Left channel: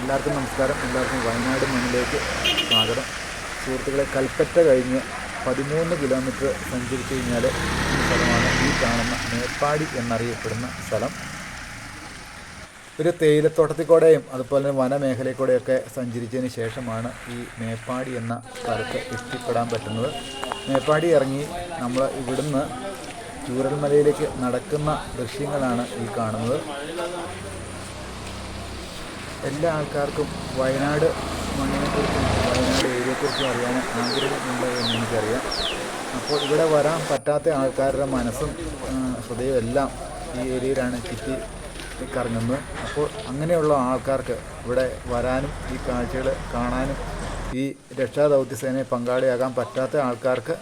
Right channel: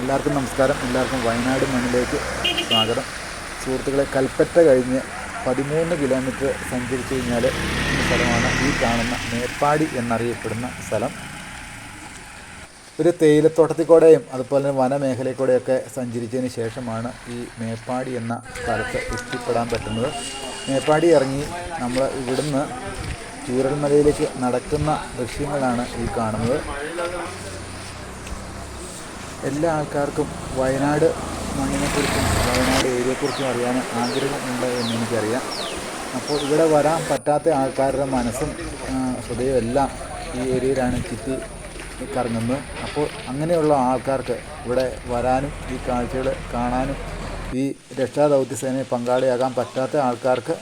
എല്ലാവർക്കും നമസ്കാരം. എല്ലാവർക്കും വയനാട് മണ്ണിലേക്ക് സ്വാഗതം. സുഹൃത്തുക്കളെ, കൽപ്പറ്റ കഴിഞ്ഞ് 13 കിലോമീറ്റർ സഞ്ചരിച്ചു കഴിഞ്ഞാൽ സ്ഥലമാണ് ഈ കാണുന്ന മേപ്പാടി എന്നറിയപ്പെടുന്ന സ്ഥലം. ഒരു തേയിലത്തോട്ടത്തിൽ കൂടെയും അതുപോലെ തന്നെ വനമേഖലയിൽ കൂടെയൊക്കെ സഞ്ചരിച്ചതിന് ശേഷമാണ് ഈ മേപ്പാടി എന്ന സ്ഥലത്ത് എത്തിപ്പെടാൻ പറ്റുന്നത്. മേപ്പാടി ഇറങ്ങി നമ്മൾ ഇവിടുന്ന് ചൂരൽമലയിലേക്ക് നടക്കുന്ന ദൃശ്യങ്ങളാണ് ഈ കാണുന്നത്. എല്ലാ ആൾക്കാർക്കും വയനാട് മണ്ണിനെക്കുറിച്ചും വയനാട് ഏരിയയെക്കുറിച്ചും അറിയാൻ ആഗ്രഹമുണ്ട് എന്ന് എനിക്കറിയാം. അപ്പോൾ ഇവിടെ വരാൻ പറ്റാത്ത ആൾക്കാരുടെ മനസ്സും ഹൃദയവും എല്ലാം ഈ ഏരിയയിലാണ് ചുറ്റി കറങ്ങുന്നത്. അപ്പോൾ അങ്ങനെയുള്ള ആൾക്കാർക്ക് ഇവിടെ വരാനും ഈ കാഴ്ചകൾ കാണാനും ഈ രക്ഷാദൗത്യസേനയെ പങ്കാളിയാകാൻ പറ്റാത്ത ആൾക്കാർക്ക്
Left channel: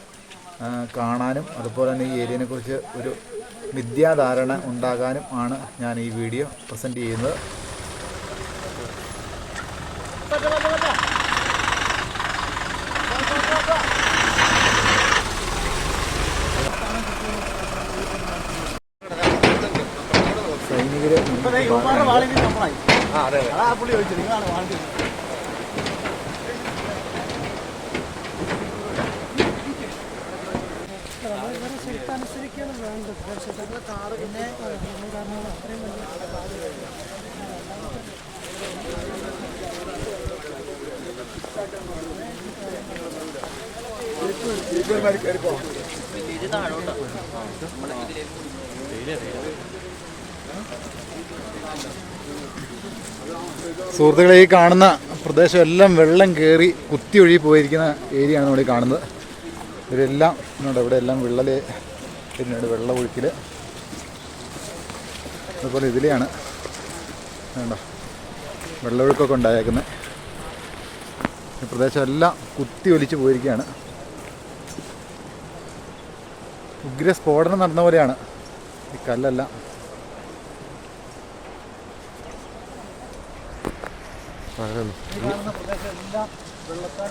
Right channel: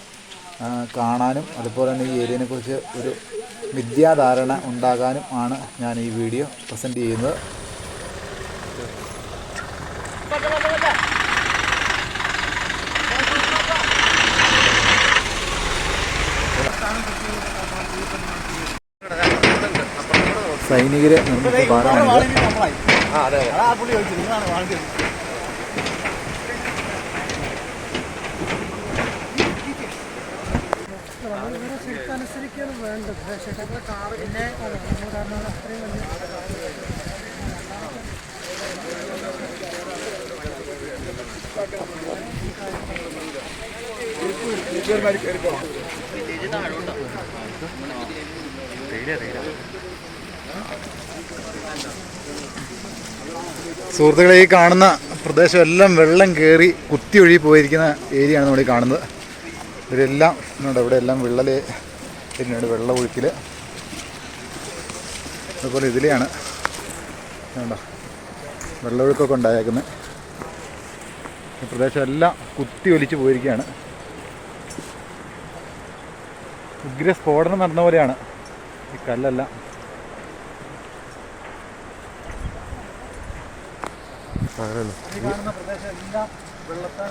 കാണാനും അതുപോലെ തന്നെ ഈ ഏരിയയെക്കുറിച്ച് ഒരു വിദ്യാധാരണ ഉണ്ടാകാനും ആണ് ഞാൻ ഈ വീഡിയോ പ്രസൻറ്റ് ചെയ്യുന്നത്. സൈനികരെ നിർമ്മിച്ച പാലമാണിത്. സുഹൃത്തുക്കളെ, ഈ കാണുന്ന പ്രദേശം എല്ലാം വെള്ളം കയറി കുത്തി ഒഴുകി പോയിരിക്കുന്ന ഏരിയയാണ് നമ്മൾ ഈ കാണുന്നത്. ഇവരെല്ലാം ഇവിടെ എല്ലാം വിള്ളൽ, പിന്നീട് വെള്ളം ഒഴുക്കിൽ, അതുപോലെ ഇതിലെയാണ് വേണ്ട വെള്ളമൊഴുക്കൊക്കെ ഉണ്ടായേക്കുന്നത്. ഈ പ്രദേശം എല്ലാം കുത്തി ഒലിച്ച് പോയിരിക്കുകയാണ്. ഉഗ്ര സ്ഫോടനം നടന്ന പോലെയാണ് ഈ കല്ലെല്ലാം. ഈ കാണുന്ന പ്രദേശം എല്ലാം വെള്ളത്താൽ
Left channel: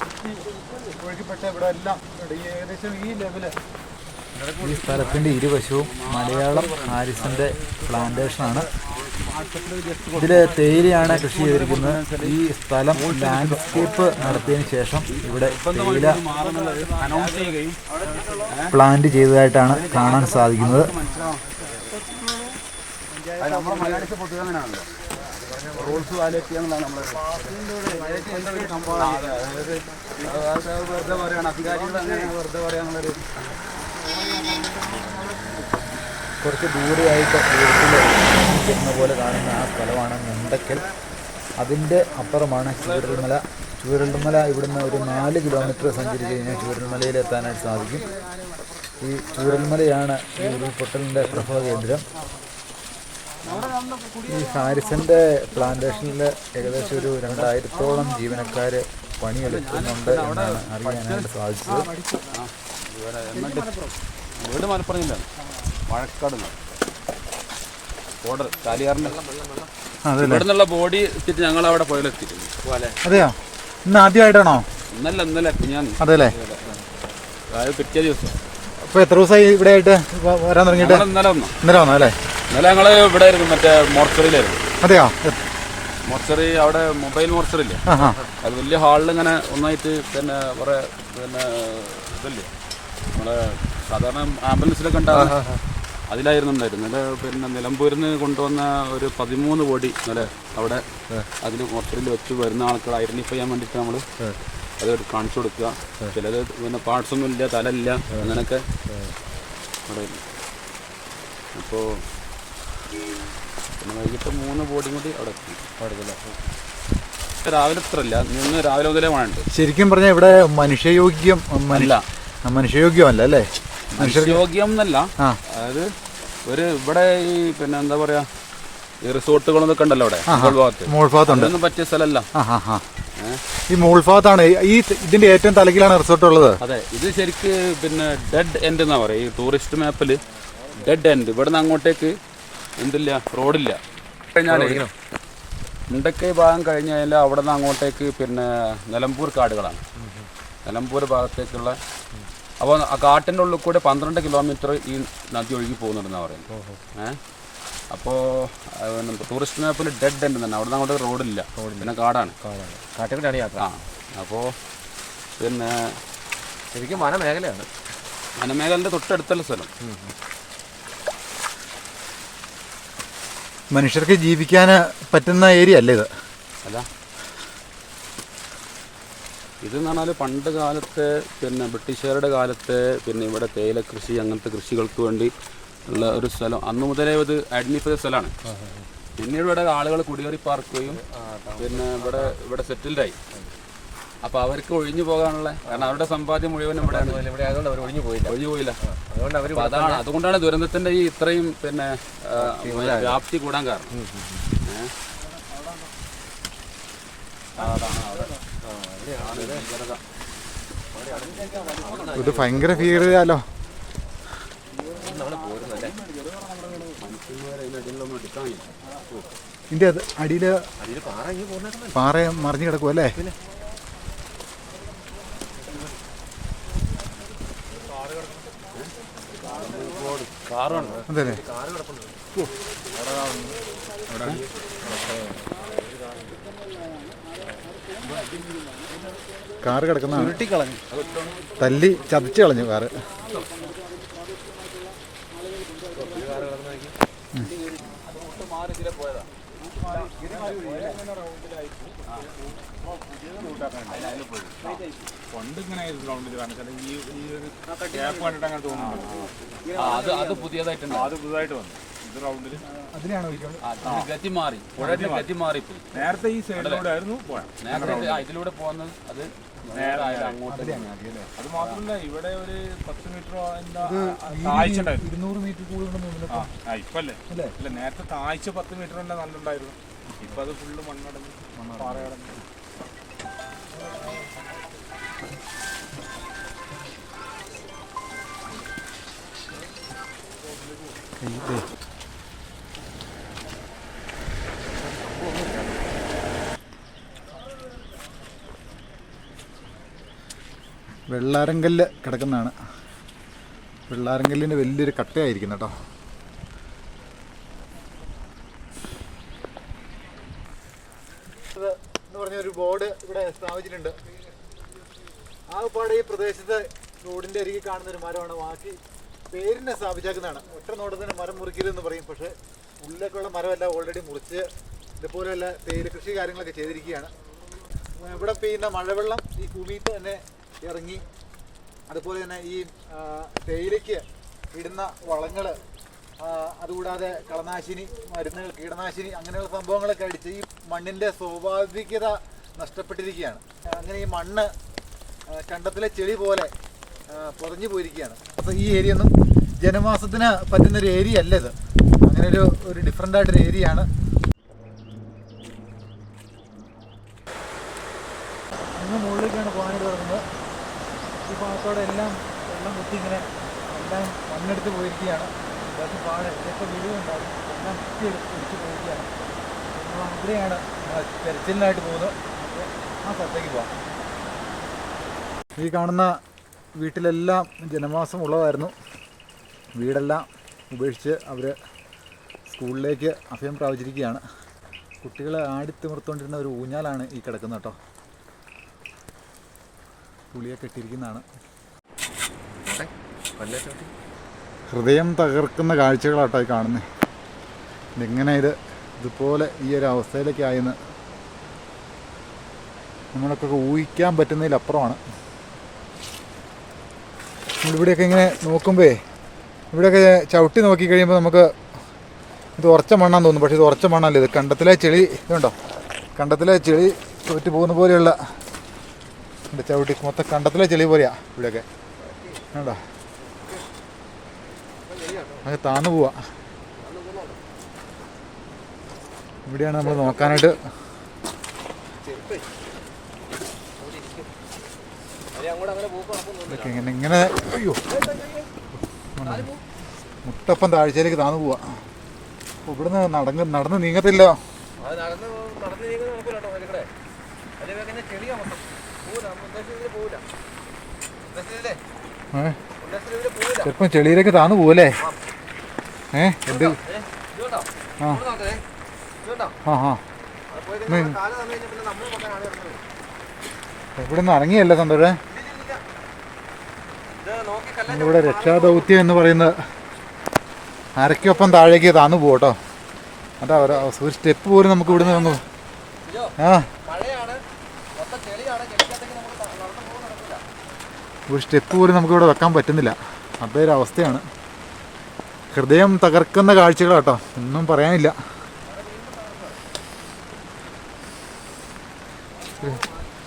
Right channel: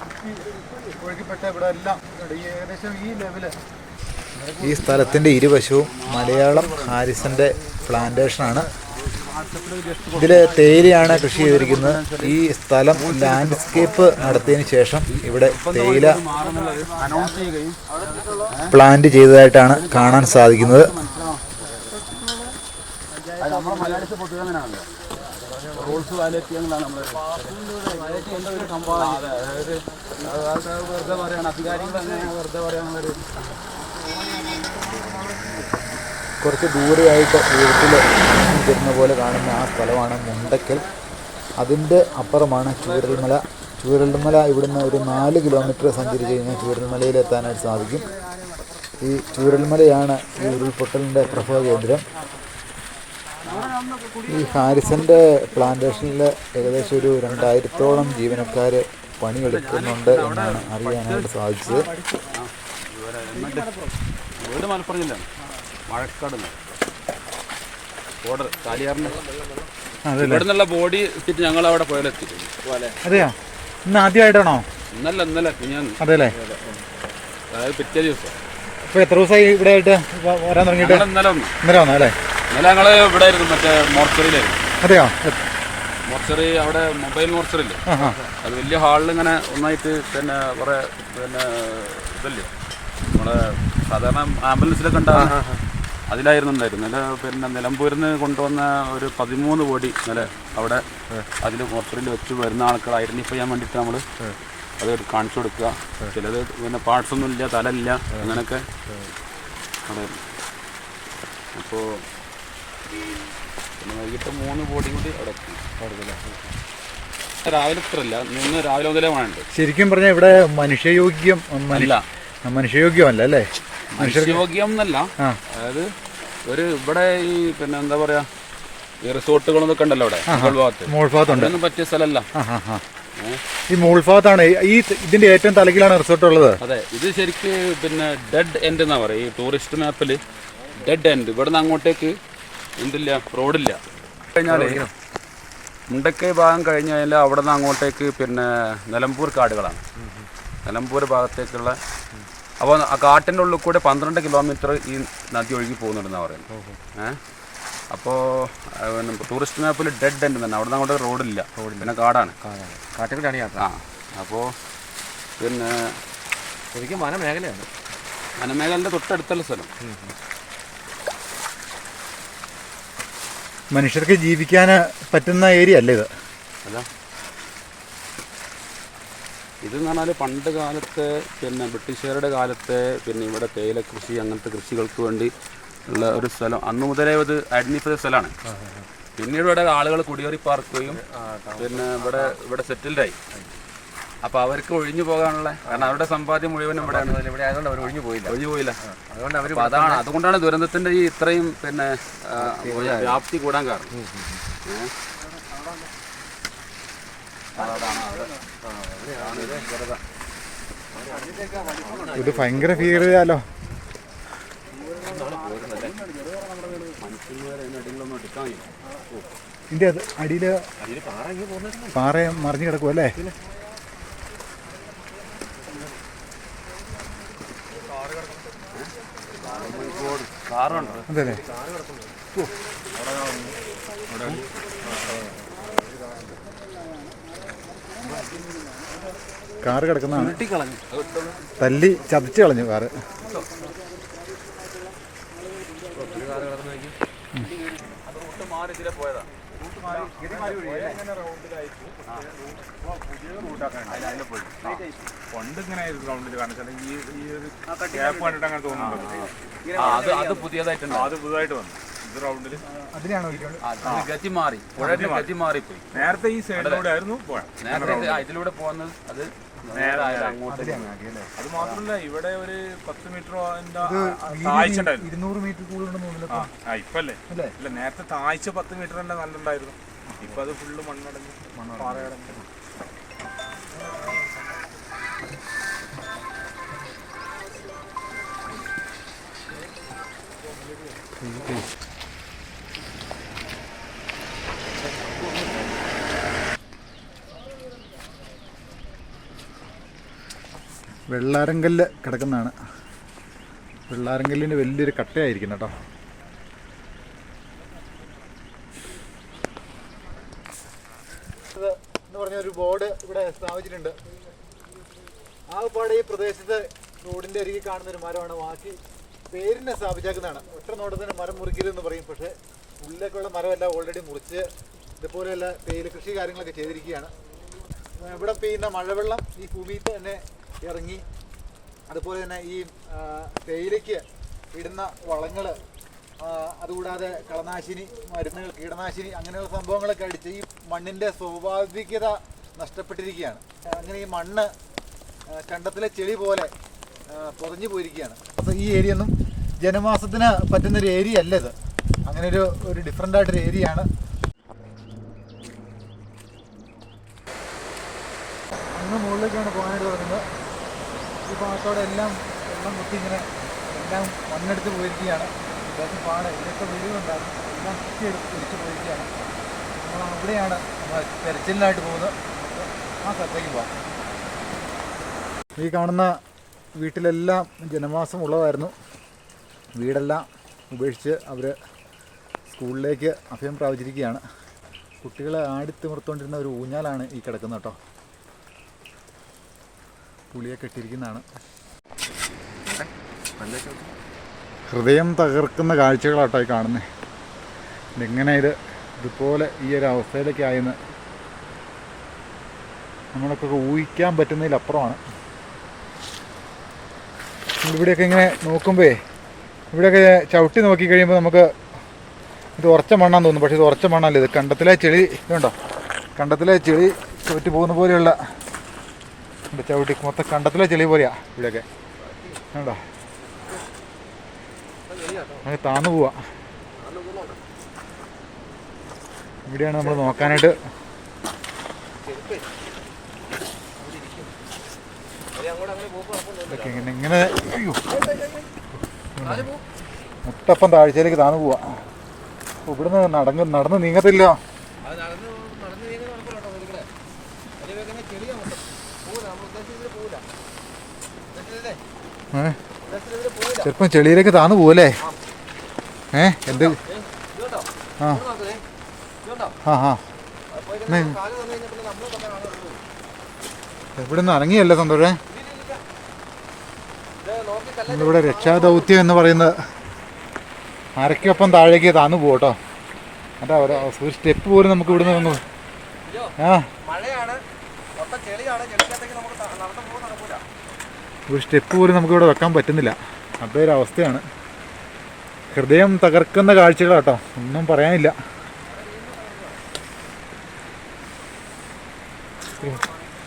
കുത്തി ഒഴുകിപ്പെട്ട ഇവിടെ എല്ലാം ഈ ഏകദേശം ഈ ലെവല്. ഈ സ്ഥലത്തിൻ്റെ ഇരുവശവും മലയാളം ഹാരിസൻ്റെ പ്ലാന്റേഷനാണ്. ഇതിൽ തേയിലയാണ് കൃഷി ചെയ്തിരിക്കുന്നത്. ഈ സ്ഥലം ലാൻഡ്സ്കേപ്പ് നടത്തിയതിന് ശേഷം ഇവിടെ തേയില പ്ലാന്റ് ചെയ്തതായിട്ടാണ് കാണാൻ സാധിക്കുന്നത്. റൂൾസ് വയലേറ്റ് ചെയ്യാന്നുള്ളതാണ് നമ്മൾ വെറുതെ പറയാണ്. അധികാരികൾ അങ്ങനെയാണ് വെറുതെ പറയാനുള്ളൊരു. കുറച്ച് ദൂരെയായിട്ട് വീട്ടിൽ വരുന്ന പോലെ കാണുന്ന ആ സ്ഥലമാണ് മുണ്ടക്കൽ. അതിൻ്റെ അപ്പുറമാണ് ചൂരൽമല. ചൂരൽമല ഇവിടുന്ന് ഒരു 4 കിലോമീറ്റർ സഞ്ചരിച്ച് കഴിഞ്ഞാൽ ചൂരൽമലയിൽ എത്താനായിട്ട് സാധിക്കും. ഈ ചൂരൽമലയാണ് ഈ ഉരുൾപൊട്ടലിൻ്റെ പ്രഭവ കേന്ദ്രം. ഈ ഹാരിസൻ്റെ പ്ലാന്റേഷനിൽ ഏകദേശം ഒരു 2000-ഓളം ജീവനക്കാർ പണിയെടുക്കുന്നുണ്ട് എന്നാണ് അറിയാനായിട്ട് സാധിച്ചത്. ബോഡി ഞങ്ങൾ അവിടെ പോയിലെത്തി. അതെയോ? ഇന്ന് ആദ്യമായിട്ടാണോ? ഇന്നലെ ഞാൻ. അതെല്ലേ? അതായത് പിറ്റേ ദിവസം. അപ്പോൾ എത്ര ദിവസമായി ഇവിടെ ആയിട്ട് വരാൻ തുടങ്ങിയിട്ട്? ഇന്നലെ വന്നോ അല്ലേ? ഇന്നലെ ഞങ്ങൾ ഇവിടെ ആയിരുന്നു, മറ്റേ മോർച്ചറിയിലായിരുന്നു. അതെയോ? മോർച്ചറി അവിടെ മൊബൈൽ മോർച്ചറിയില്ലേ, അത് വലിയ ഹാളിൽ ഇങ്ങനെ ഒന്നായിട്ട് പിന്നെ കുറെ പിന്നെ ഇതല്ലേ നമ്മളെ സാധാരണ ആംബുലൻസിലൊക്കെ ഉണ്ടാകുന്ന അതിലായിരുന്നു ഉണ്ടായിരുന്നു. ഇന്നലെ പിന്നെ നിലമ്പൂരിൽ നിന്ന് കൊണ്ടുവന്ന ഒരു 13 ബോഡി ഇന്നലെ അവിടെ അതിൽ മോർച്ചറിയിൽ വെച്ച് വരുന്ന ആൾക്കാർ ഐഡന്റിഫൈ ചെയ്യാൻ വേണ്ടിയിട്ട് നമ്മൾ അത് കാണിച്ചു കൊടുക്കുക. ചിലത് പിന്നെ പാർട്സൊന്നും ഇല്ല, തലയില്ല, അങ്ങനെയൊക്കെ അവിടെ. അപ്പോൾ പിന്നെ വൈകിട്ട് 3 ബോഡിയും കൂടി അവിടെ എത്തി. രാവിലെ ഇത്രല്ല, ഇന്ന് രാവിലെ മുതലേ വേണ്ട. ശരിക്കും പറഞ്ഞാൽ ഇവിടെ മനുഷ്യയോഗ്യമല്ല അല്ലേ? മനുഷ്യയോഗ്യം എന്നല്ല, അതായത് ഒരു ഇവിടെ ഈ പിന്നെ എന്താ പറയാ ഈ റിസോർട്ടുകളൊക്കെ ഉണ്ടല്ലോ അവിടെ മോൾഭാഗത്തുണ്ട്, അതൊന്നും പറ്റിയ സ്ഥലമല്ല. ഈ മോൾഭാഗത്താണ് ഈ ഇതിന്റെ ഏറ്റവും തലക്കിലാണ് റിസോർട്ട് ഉള്ളത്. അതെ, ഇത് ശരിക്ക് പിന്നെ ഡെഡ് എൻഡ് എന്നാ പറയാ. ഈ ടൂറിസ്റ്റ് മാപ്പില് ഡെഡ് എൻഡ്. ഇവിടുന്ന് അങ്ങോട്ടേക്ക് എന്തില്ല, റോഡില്ല. കഴിഞ്ഞാലേ മുണ്ടക്കൈ ഭാഗം കഴിഞ്ഞ് കഴിഞ്ഞാൽ അവിടെ നിന്ന് അങ്ങോട്ടേക്ക് പിന്നെ നിലമ്പൂർ കാടുകളാണ്. നിലമ്പൂർ ഭാഗത്തേക്കുള്ള അപ്പോൾ ആ കാട്ടിൻ്റെ ഉള്ളിൽ കൂടെ 12 കിലോമീറ്റർ ഈ നദി ഒഴുകി പോകുന്നുണ്ടെന്നാണ് പറയുന്നത്. അപ്പോൾ ടൂറിസ്റ്റ് മാപ്പിൽ ഡെഡ് എൻഡ് തന്നെ അവിടെ നിന്ന് അങ്ങോട്ട് റോഡില്ല, പിന്നെ കാടാണ്. കാട്ടിലാണ് യാത്ര. ആ അപ്പോൾ പിന്നെ ശരിക്കും വനമേഖലയാണ്. വനമേഖലൻ്റെ തൊട്ടടുത്തുള്ള സ്ഥലം. മനുഷ്യർക്ക് ജീവിക്കാൻ പറ്റുന്ന ഏരിയ അല്ലേ ഇത്? അല്ല, ഇതെന്ന് പറഞ്ഞാൽ പണ്ട് കാലത്ത് പിന്നെ ബ്രിട്ടീഷുകാരുടെ കാലത്ത് പിന്നെ ഇവിടെ തേയില കൃഷി അങ്ങനത്തെ കൃഷികൾക്ക് വേണ്ടി ഉള്ള ഒരു സ്ഥലം. അന്ന് മുതലേ ഇത് ഐഡൻറ്റിഫൈ സ്ഥലമാണ്. പിന്നീട് ഇവിടെ ആളുകൾ കുടിയേറി പാർക്കുകയും പിന്നെ ഇവിടെ സെറ്റിൽഡായി. അപ്പോൾ അവർക്ക് ഒഴിഞ്ഞു പോകാനുള്ള, കാരണം അവരുടെ സമ്പാദ്യം മുഴുവനും ഇവിടെയാണ്. ഇവിടെ ആയതുകൊണ്ട് അവർ ഒഴിഞ്ഞു പോയില്ല. അതുകൊണ്ട് അവർ അതുകൊണ്ടാണ് ദുരന്തത്തിൻ്റെ ഈ ഇത്രയും പിന്നെ വ്യാപ്തി കൂടാൻ കാരണം. ഇത് ഭയങ്കര ഫീൽ ചെയ്യാലോ. ഇതിന്റെ അടിയിൽ പാറ മറിഞ്ഞു കിടക്കും അല്ലേ? അതെ അല്ലേ? കാറ് കിടക്കുന്നതാണ്. തല്ലി ചതച്ച് കളഞ്ഞു കാറ്. അത് പുതിയതായിട്ടുണ്ട്. അത് പുതുതായിട്ട് വന്നു. ഇത് റൗണ്ടിൽ ഗതി മാറി, ഗതി മാറിപ്പോയി. നേരത്തെ ഈ സൈഡിലൂടെ ആയിരുന്നു പോയത്. നേരത്തെ ഇതിലൂടെ പോകുന്നത് അത് അങ്ങോട്ട്. അത് മാത്രമല്ല, ഇവിടെ ഒരു 10 മീറ്റർ താഴ്ച ഉണ്ടായിരുന്നു. 200 മീറ്റർ കൂടുതൽ. ഇപ്പല്ലേ അല്ല, നേരത്തെ താഴ്ച 10 മീറ്റർ തന്നെ നല്ലുണ്ടായിരുന്നു. ഇപ്പൊ അത് ഫുള്ള് മണ്ണടഞ്ഞ് പാറയടഞ്ഞ്. വെള്ളാരങ്കല്ല് കിടക്കുന്നതാണ്. വെള്ളാരങ്കല്ലിന് വലിയൊരു കട്ടയായിരിക്കുന്നു കേട്ടോ. എന്ന് പറഞ്ഞൊരു ബോർഡ് ഇവിടെ സ്ഥാപിച്ചിട്ടുണ്ട്. ആ പാടെ ഈ പ്രദേശത്ത് റോഡിൻ്റെ അരികെ കാണുന്നൊരു മരമാണ്. ബാക്കി പേരിനെ സ്ഥാപിച്ചേക്കുന്നതാണ്. ഒറ്റ നോട്ടത്തിന് മരം മുറിക്കരുതെന്ന് പറയും, പക്ഷേ ഉള്ളിലേക്കുള്ള മരമല്ല ഓൾറെഡി മുറിച്ച് ഇതുപോലെയുള്ള തേയില കൃഷി കാര്യങ്ങളൊക്കെ ചെയ്തിരിക്കുകയാണ്. ഇവിടെ പെയ്യുന്ന മഴവെള്ളം ഈ ഭൂമിയിൽ തന്നെ ഇറങ്ങി, അതുപോലെ തന്നെ ഈ തേയിലയ്ക്ക് ഇടുന്ന വളങ്ങൾ, അതുകൂടാതെ കളനാശിനി മരുന്നുകൾ, കീടനാശിനി അങ്ങനെയുള്ള സംഭവങ്ങളൊക്കെ അടിച്ച് ഈ മണ്ണിൻ്റെ സ്വാഭാവികത നഷ്ടപ്പെട്ടിരിക്കുകയാണ്. അങ്ങനെ ഈ മണ്ണ് കണ്ടത്തിലെ ചെളി പോലെ പൊറഞ്ഞു പോയിരിക്കുകയാണ്. അപ്പോൾ ഈ ഏരിയ ഒന്നും ജനവാസത്തിന് പറ്റുന്നൊരു ഏരിയ അല്ല ഇത്. അങ്ങനെ ഒരു ഡിഫറെൻ്റ് ആയിട്ടൊരു ഏരിയയാണ്. അങ്ങ് മുകളിലേക്കാണ് പോകാനായിട്ട് തുടങ്ങുന്നത്. ഈ ഭാഗത്തോടെ എല്ലാം വെള്ളം കുത്തി ഇങ്ങനെ എല്ലാം മണ്ണെടുത്ത് പോയിരിക്കുകയാണ്. ഇതൊക്കെ പാട് ഇതിലൊക്കെ വീടുണ്ടാകും, എല്ലാം കുത്തിയെടുത്ത് തിരിച്ച് പോയിരിക്കുകയാണ്. നമ്മൾ അവിടെയാണ് നമ്മൾ തെരച്ചിലിനായിട്ട് പോകുന്നത്. നമുക്ക് ആ സ്ഥലത്തേക്ക് പോകാം. ഈ കാണുന്ന വീട്ടിലെല്ലാം ജനവാസം ഉള്ളതായിരുന്നു. വീടെല്ലാം ഉപേക്ഷിച്ച് അവർ സ്കൂളിലേക്ക് അഭയം പ്രാപിച്ചിരിക്കുകയാണ്. കുട്ടികളെ ആടിത്തിമിർത്തുകൊണ്ടിരുന്ന ഒരു ഊഞ്ഞാലാണ് ഈ കിടക്കുന്നത് കേട്ടോ. പുളിയെ കെട്ടിയിരിക്കുന്നതാണ്. ഹൃദയം തകർക്കുന്ന കാഴ്ചകളാട്ടോ ഈ കാണുന്നത്. ഇതെങ്ങനെ ഇതുപോലെ ഈ ഒരു അവസ്ഥയിലേക്ക് ആയെന്ന് നമ്മളൊക്കെ ഊഹിക്കാൻ പറ്റുന്നതിലപ്പുറമാണ്. ഇവിടെയൊക്കെ ഇങ്ങനെ നോക്കുമ്പോൾ ഇവിടെയൊക്കെ ചവിട്ടി നോക്കി കഴിയുമ്പോൾ നമുക്ക് ഇത് ഉറച്ച മണ്ണാന്ന് തോന്നും. പക്ഷേ ഇത് ഉറച്ച മണ്ണല്ല. ഇത് കണ്ടത്തിലെ ചെളി ഇതുണ്ടോ, കണ്ടത്തിലെ ചെളി തോറ്റ് പോകുന്ന പോലെയുള്ള ചവിട്ടി മൊത്തം കണ്ടത്തിലെ ചെളി പോലെയാ ഇവിടെയൊക്കെ. വേണ്ടോ, അങ്ങനെ താന്നു പോവാ. ഇവിടെയാണ് നമ്മൾ നോക്കാനായിട്ട്. ഇങ്ങനെ അയ്യോ മുട്ടപ്പം താഴ്ചയിലേക്ക് താന്നു പോവാ. ഇവിടുന്ന് നടന്ന് നീങ്ങത്തില്ല. ചിലപ്പം ചെളിയിലേക്ക് താന്നു പോവല്ലേ? എന്ത് ആ ഇതുണ്ടോ? ആ ആ അവിടെ പോയി കഴിഞ്ഞാൽ കാല് തന്നു കഴിഞ്ഞാൽ പിന്നെ നമ്മൾ പക്കാൻ ആളെ ഇറങ്ങുള്ളൂ. ഇവിടെ നിന്ന് ഇറങ്ങിയല്ലേ സന്തോഷേ? ഇത് നോക്കി കല്ല് ഇവിടെ രക്ഷാദൗത്യം എന്ന് പറയുന്നത് അരയ്ക്കൊപ്പം താഴേക്ക് താന്നു പോകട്ടോ. അതാ ഒരു സ്റ്റെപ്പ് പോലും നമുക്ക് ഇവിടുന്ന് വന്നു. ആ മഴയാണ്, മൊത്തം ചെളിയാണ്, ചെളിക്കകത്തേക്ക് നമുക്ക് നടന്നു പോകുന്ന നടക്കൂല. ഒരു സ്റ്റെപ്പ് പോലും നമുക്കിവിടെ വെക്കാൻ പറ്റുന്നില്ല. അതേ ഒരു അവസ്ഥയാണ്. ഹൃദയം തകർക്കുന്ന കാഴ്ചകളാട്ടോ, ഒന്നും പറയാനില്ല.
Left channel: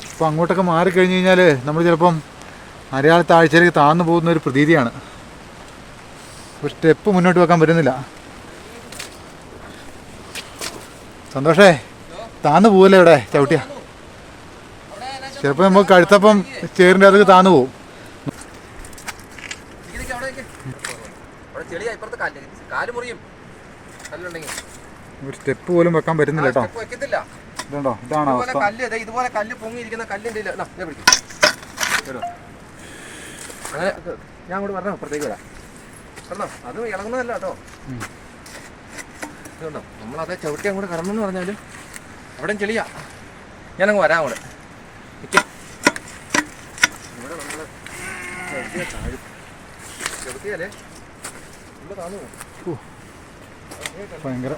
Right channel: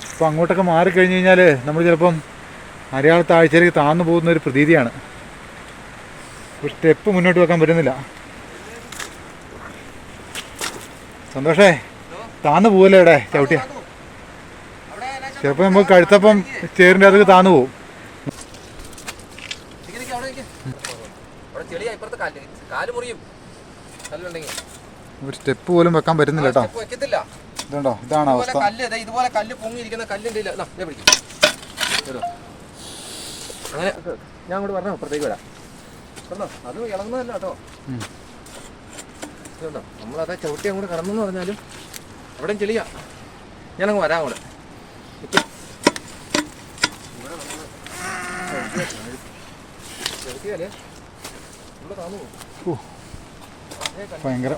ഇപ്പം അങ്ങോട്ടൊക്കെ മാറിക്കഴിഞ്ഞ് കഴിഞ്ഞാൽ നമ്മൾ ചിലപ്പം അരയാൾ താഴ്ചയിലേക്ക് താന്നു പോകുന്ന ഒരു പ്രതീതിയാണ്. ഒരു സ്റ്റെപ്പ് മുന്നോട്ട് വെക്കാൻ പറ്റുന്നില്ല. സന്തോഷേ, താന്നു പോവല്ലേ ഇവിടെ ചവിട്ടിയ? ചിലപ്പോൾ നമുക്ക് കഴുത്തപ്പം ചേറിൻ്റെ അതൊക്കെ താന്നു പോവും. അവിടെ ചെളിയാ, ഇപ്പുറത്ത് കാല് മുറിയും കല്ലുണ്ടെങ്കിൽ. ഒരു സ്റ്റെപ്പ് പോലും വെക്കാൻ പറ്റുന്നില്ല കേട്ടോ. വെക്കത്തില്ല. ഇതുണ്ടോ, ഇതാണ് അവസ്ഥ. കല്ല് ഇതുപോലെ കല്ല് പൊങ്ങിയിരിക്കുന്ന കല്ലിൻ്റെ അങ്ങനെ ഞാൻ അങ്ങോട്ട് പറഞ്ഞോ, അപ്പുറത്തേക്ക് വിടാം. പറഞ്ഞോ, അത് ഇളകുന്നതല്ല കേട്ടോ. ഇതുണ്ടോ, നമ്മളതേ ചവിട്ടി അങ്ങോട്ട് കടന്നെന്ന് പറഞ്ഞാലും ഇവിടെയും ചെളിയാ. ഞാനങ്ങ് വരാം അങ്ങോട്ട്. ചവിട്ടിയാലേ ഇവിടെ താന്നു പോകും. ഭയങ്കര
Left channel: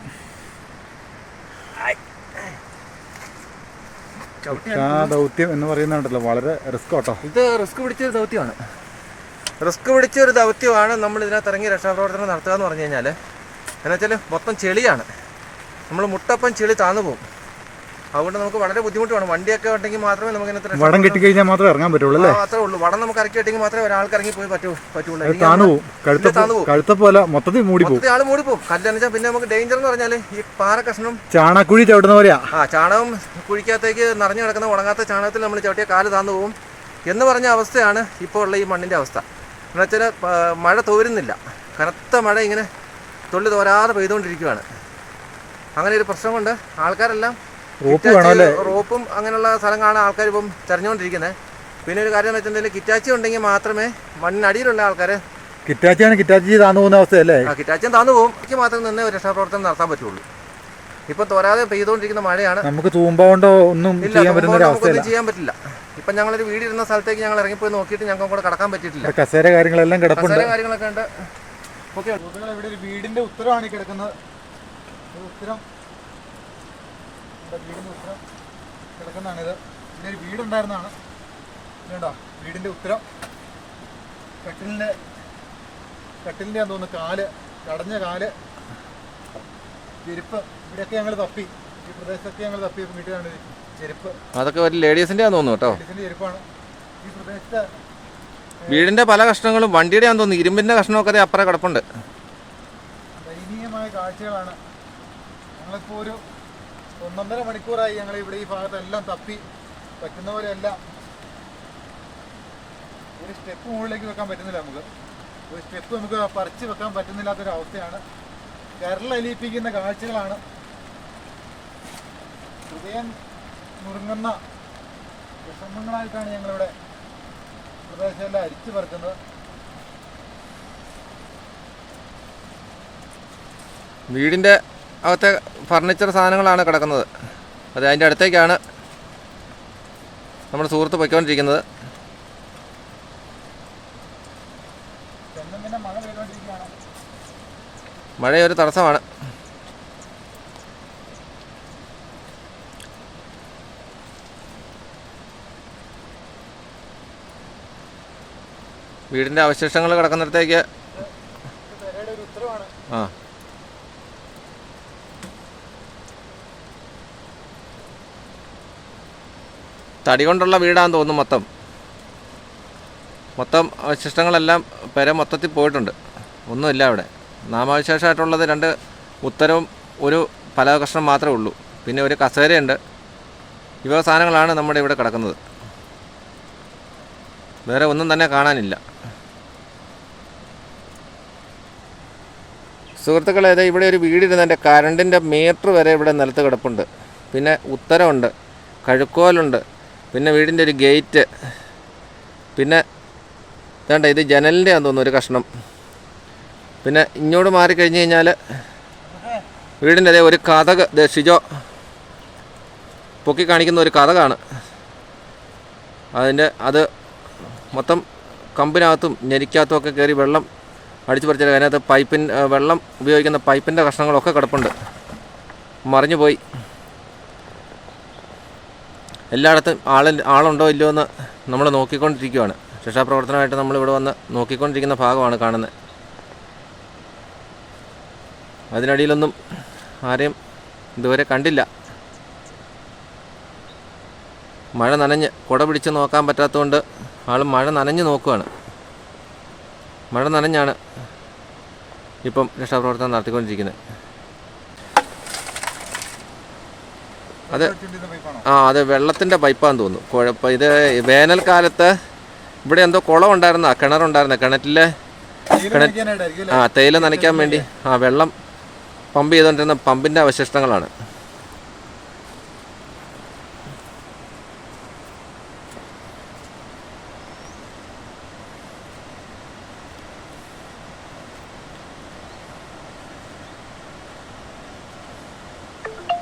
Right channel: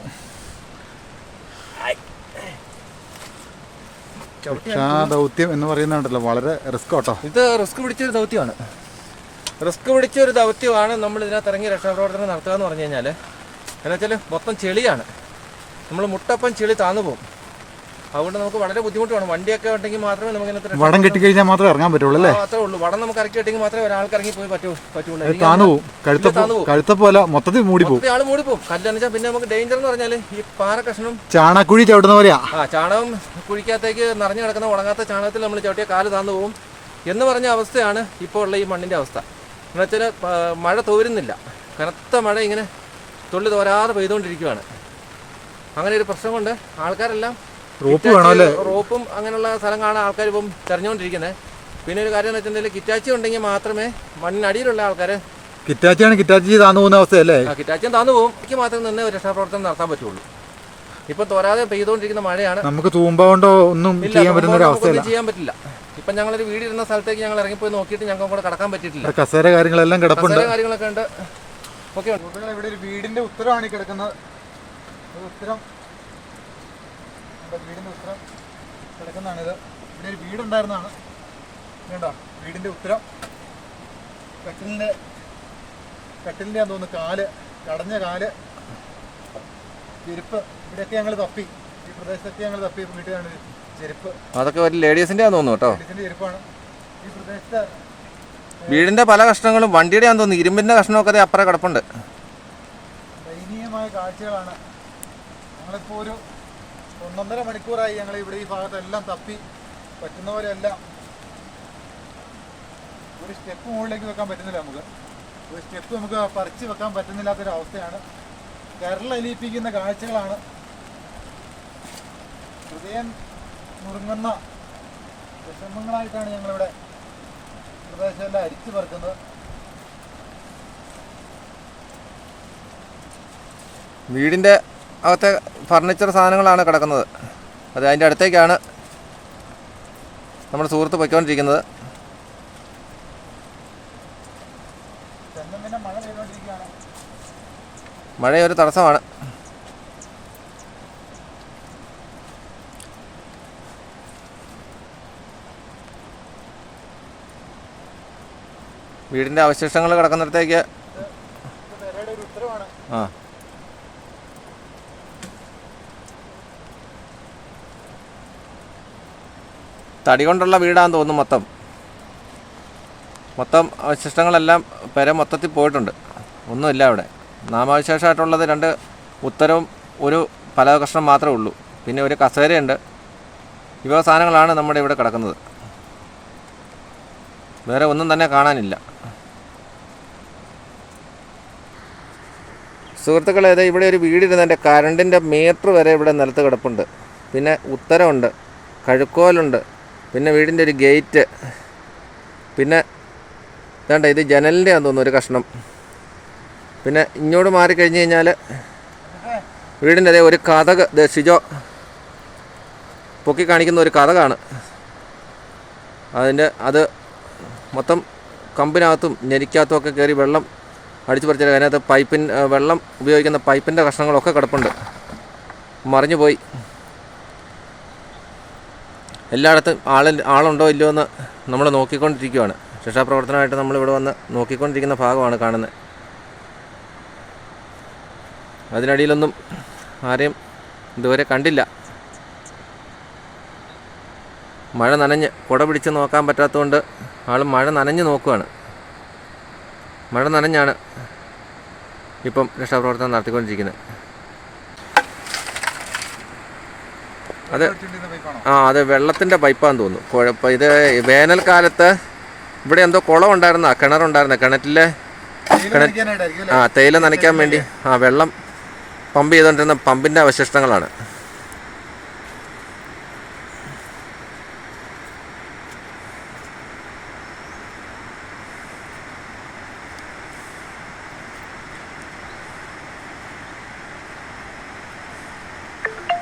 രക്ഷാദൗത്യം എന്ന് പറയുന്നുണ്ടല്ലോ, വളരെ റിസ്ക് കേട്ടോ. ഇത് റിസ്ക് പിടിച്ചൊരു ദൗത്യമാണ്. റിസ്ക് പിടിച്ച ഒരു ദൗത്യമാണ് നമ്മൾ ഇതിനകത്ത് ഇറങ്ങി രക്ഷാപ്രവർത്തനം നടത്തുക എന്ന് പറഞ്ഞു കഴിഞ്ഞാൽ. എന്നുവെച്ചാൽ മൊത്തം ചെളിയാണ്, നമ്മൾ മുട്ടപ്പം ചെളി താന്നു പോകും. അതുകൊണ്ട് നമുക്ക് വളരെ ബുദ്ധിമുട്ടാണ്. വണ്ടിയൊക്കെ ഉണ്ടെങ്കിൽ മാത്രമേ നമുക്ക് ഇതിനകത്ത് വടം കെട്ടിക്കഴിഞ്ഞാൽ മാത്രമേ ഇറങ്ങാൻ പറ്റുള്ളൂ അല്ലേ? മാത്രമേ ഉള്ളൂ. വടം നമുക്ക് ഇറക്കി കിട്ടിയെങ്കിൽ മാത്രമേ ഒരാൾക്ക് ഇറങ്ങി പോയി പറ്റുള്ളൂ. താന്നു പോകും, കഴുത്ത പോലെ മൊത്തത്തിൽ മൂടി പോകും. ആൾ മൂടി പോകും. കല്ലെന്നുവെച്ചാൽ പിന്നെ നമുക്ക് ഡേഞ്ചർ എന്ന് പറഞ്ഞാൽ ഈ പാറ കഷ്ണം ചാണകുഴി ചവിട്ടുന്ന പോലെയാ. ചാണകം കുഴിക്കകത്തേക്ക് നിറഞ്ഞു കിടക്കുന്ന ഉണങ്ങാത്ത ചാണകത്തിൽ നമ്മൾ ചവിട്ടിയ കാല് താന്നു പോകും എന്ന് പറഞ്ഞ അവസ്ഥയാണ് ഇപ്പോൾ ഉള്ള ഈ മണ്ണിൻ്റെ അവസ്ഥ. എന്നുവെച്ചാൽ മഴ തോരുന്നില്ല, കനത്ത മഴ ഇങ്ങനെ തുള്ളി തോരാതെ പെയ്തുകൊണ്ടിരിക്കുകയാണ്. അങ്ങനെ ഒരു പ്രശ്നം കൊണ്ട് ആൾക്കാരെല്ലാം റോപ്പ് വേണമല്ലേ? റോപ്പും അങ്ങനെയുള്ള സ്ഥലം കാണാൻ ആൾക്കാർ ഇപ്പം തെരഞ്ഞുകൊണ്ടിരിക്കുന്നത്. പിന്നെ ഒരു കാര്യം എന്ന് വെച്ചിട്ടുണ്ടെങ്കിൽ കിറ്റാച്ചി ഉണ്ടെങ്കിൽ മാത്രമേ മണ്ണിനടിയിലുള്ള ആൾക്കാർ കിറ്റാച്ചി താന്നു പോകുന്ന അവസ്ഥയല്ലേ? കിറ്റാച്ചിയും താന്നു പോകും. എനിക്ക് മാത്രം നിന്ന് രക്ഷാപ്രവർത്തനം നടത്താൻ പറ്റുള്ളൂ. ഇപ്പം തോരാതെ പെയ്തുകൊണ്ടിരിക്കുന്ന മഴയാണ്. നമുക്ക് തൂമ്പ കൊണ്ടോ ഒന്നും ചെയ്യാൻ പറ്റുന്ന ഒരു അവസ്ഥയല്ല. ചെയ്യാൻ പറ്റില്ല. ഇപ്പം ഞങ്ങളൊരു വീടിരുന്ന സ്ഥലത്തേക്ക് ഞങ്ങൾ ഇറങ്ങിപ്പോയി നോക്കിയിട്ട് ഞങ്ങൾക്ക് കൂടെ കടക്കാൻ പറ്റിയിട്ടില്ല. കസേര കാര്യങ്ങളെല്ലാം കിടപ്പുണ്ട്. കാര്യങ്ങളൊക്കെ ഉണ്ട്. ഓക്കെ, ഇവിടെ ഒരു വീടിന്റെ ഉത്തരമാണ് ഈ കിടക്കുന്നത്. ഉത്തരം, വീടിന്റെ ഉത്തരം കിടക്കുന്നതാണിത്. ഇവിടെ ഒരു വീടുണ്ടായിരുന്നതാണ്. വേണ്ട, വീടിന്റെ ഉത്തരം കട്ടിലിന്റെ ആണെന്ന് തോന്നുന്നു. കാല്, കടഞ്ഞ കാല്, ചെരുപ്പ്. ഇവിടെയൊക്കെ ഞങ്ങൾ തപ്പി, ഈ പ്രദേശത്തൊക്കെ ഞങ്ങൾ തപ്പി വീട്ടിലാണ് ചെരുപ്പ്. അതൊക്കെ ഒരു ലേഡീസിന്റെ ആണെന്ന് തോന്നുന്നു കേട്ടോ. ലേഡീസിന്റെ ചെരുപ്പാണ് ഈ പ്രദേശത്ത്. വീടിന്റെ പല കഷ്ണങ്ങളും വണ്ടിയുടെ ആണെന്ന് തോന്നുന്നു. ഇരുമ്പിന്റെ കഷ്ണമൊക്കെ അപ്പുറം കിടപ്പുണ്ട്. ദയനീയമായ കാഴ്ചകളാണ്. ഞങ്ങളിപ്പോൾ ഒരു 1.5 മണിക്കൂറായി ഞങ്ങൾ ഇവിടെ ഈ ഭാഗത്തെല്ലാം തപ്പി. പറ്റുന്ന പോലെ എല്ലാം. ഒരു സ്റ്റെപ്പ് മുകളിലേക്ക് വെക്കാൻ പറ്റുന്നില്ല നമുക്ക്. ഒരു സ്റ്റെപ്പ് നമുക്ക് പറിച്ച് വെക്കാൻ പറ്റുന്നില്ലാത്തൊരവസ്ഥയാണ്. കരളലിയിപ്പിക്കുന്ന കാഴ്ചകളാണ്. ഹൃദയം മുറുങ്ങുന്ന വിഷമങ്ങളായിട്ടാണ് ഞങ്ങളിവിടെ പ്രദേശമെല്ലാം അരിച്ചു പറിക്കുന്നത്. വീടിൻ്റെ അകത്തെ ഫർണിച്ചർ സാധനങ്ങളാണ് കിടക്കുന്നത്. അത് അതിൻ്റെ അടുത്തേക്കാണ് നമ്മുടെ സുഹൃത്ത് പൊയ്ക്കൊണ്ടിരിക്കുന്നത്. മഴയൊരു തടസ്സമാണ്. വീടിൻ്റെ അവശിഷ്ടങ്ങൾ കിടക്കുന്നിടത്തേക്ക് തടി കൊണ്ടുള്ള വീടാന്ന് തോന്നുന്നു. മൊത്തം അവശിഷ്ടങ്ങളെല്ലാം മൊത്തത്തിൽ പോയിട്ടുണ്ട്. ഒന്നുമില്ല അവിടെ. നാമാവശേഷമായിട്ടുള്ളത് 2 ഉത്തരവും ഒരു പല കഷ്ണം മാത്രമേ ഉള്ളൂ. പിന്നെ ഒരു കസേരയുണ്ട്. ഇവ സാധനങ്ങളാണ് നമ്മുടെ ഇവിടെ കിടക്കുന്നത്. വേറെ ഒന്നും തന്നെ കാണാനില്ല. സുഹൃത്തുക്കളെ, ഇവിടെ ഒരു വീടിരുന്നതിൻ്റെ കറണ്ടിൻ്റെ മീറ്റർ വരെ ഇവിടെ നിലത്ത് കിടപ്പുണ്ട്. പിന്നെ ഉത്തരമുണ്ട്, കഴുക്കോലുണ്ട്, പിന്നെ വീടിൻ്റെ ഒരു ഗേറ്റ്, പിന്നെ വേണ്ട ഇത് ജനലിൻ്റെ ആണെന്ന് തോന്നുന്നു ഒരു കഷ്ണം. പിന്നെ ഇങ്ങോട്ട് മാറിക്കഴിഞ്ഞ് കഴിഞ്ഞാൽ വീടിൻ്റെ അതേ ഒരു കതക് ഷിജോ പൊക്കി കാണിക്കുന്ന ഒരു കതകാണ്. അത് മൊത്തം കമ്പിനകത്തും ഞെരിക്കകത്തും ഒക്കെ കയറി വെള്ളം അടിച്ചു പറിച്ചത്. അതിനകത്ത് വെള്ളം ഉപയോഗിക്കുന്ന പൈപ്പിൻ്റെ കഷ്ണങ്ങളൊക്കെ കിടപ്പുണ്ട്, മറിഞ്ഞു പോയി. എല്ലായിടത്തും ആളുണ്ടോ ഇല്ലയോ എന്ന് നമ്മൾ നോക്കിക്കൊണ്ടിരിക്കുകയാണ്. രക്ഷാപ്രവർത്തനമായിട്ട് നമ്മളിവിടെ വന്ന് നോക്കിക്കൊണ്ടിരിക്കുന്ന ഭാഗമാണ് കാണുന്നത്. അതിനടിയിലൊന്നും ആരെയും ഇതുവരെ കണ്ടില്ല. മഴ നനഞ്ഞ് കുട പിടിച്ച് നോക്കാൻ പറ്റാത്തതുകൊണ്ട് ആൾ മഴ നനഞ്ഞ് നോക്കുകയാണ്. മഴ നനഞ്ഞാണ് ഇപ്പം രക്ഷാപ്രവർത്തനം നടത്തിക്കൊണ്ടിരിക്കുന്നത്. അത് വെള്ളത്തിൻ്റെ പൈപ്പാന്ന് തോന്നുന്നു. ഇത് വേനൽക്കാലത്ത് ഇവിടെ എന്തോ കുളമുണ്ടായിരുന്ന കിണറുണ്ടായിരുന്ന കിണറ്റിലെ തേയില നനയ്ക്കാൻ വേണ്ടി വെള്ളം പമ്പ് ചെയ്തുകൊണ്ടിരുന്ന പമ്പിൻ്റെ അവശിഷ്ടങ്ങളാണ്.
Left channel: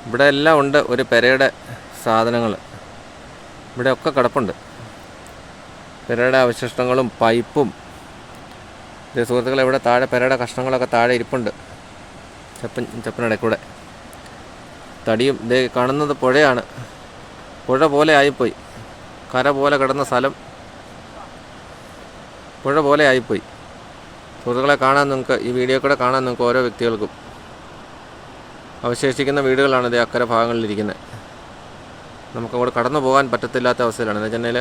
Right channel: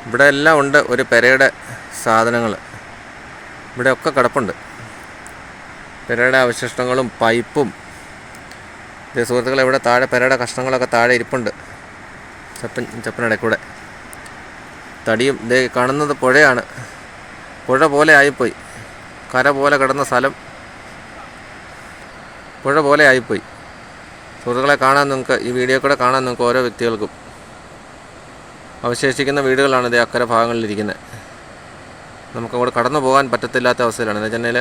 ഇവിടെ എല്ലാം ഉണ്ട് ഒരു പെരയുടെ സാധനങ്ങൾ. ഇവിടെയൊക്കെ കിടപ്പുണ്ട് പെരയുടെ അവശിഷ്ടങ്ങളും പൈപ്പും. സുഹൃത്തുക്കളെ, ഇവിടെ താഴെ പെരയുടെ കഷ്ണങ്ങളൊക്കെ താഴെ ഇരിപ്പുണ്ട്. ചപ്പനിടയ്ക്കൂടെ തടിയും. ഇതേ കാണുന്നത് പുഴയാണ്. പുഴ പോലെ ആയിപ്പോയി. കര പോലെ കിടന്ന സ്ഥലം പുഴ പോലെ ആയിപ്പോയി. സുഹൃത്തുക്കളെ, കാണാൻ നിങ്ങൾക്ക് ഈ വീഡിയോ കൂടെ കാണാൻ നിങ്ങൾക്ക് ഓരോ വ്യക്തികൾക്കും അവശേഷിക്കുന്ന വീടുകളാണ് ഇതേ അക്കരെ ഭാഗങ്ങളിലിരിക്കുന്നത്. നമുക്കങ്ങോട്ട് കടന്നു പോകാൻ പറ്റത്തില്ലാത്ത അവസ്ഥയിലാണ്. എന്ന് വെച്ചിട്ടുണ്ടെങ്കിൽ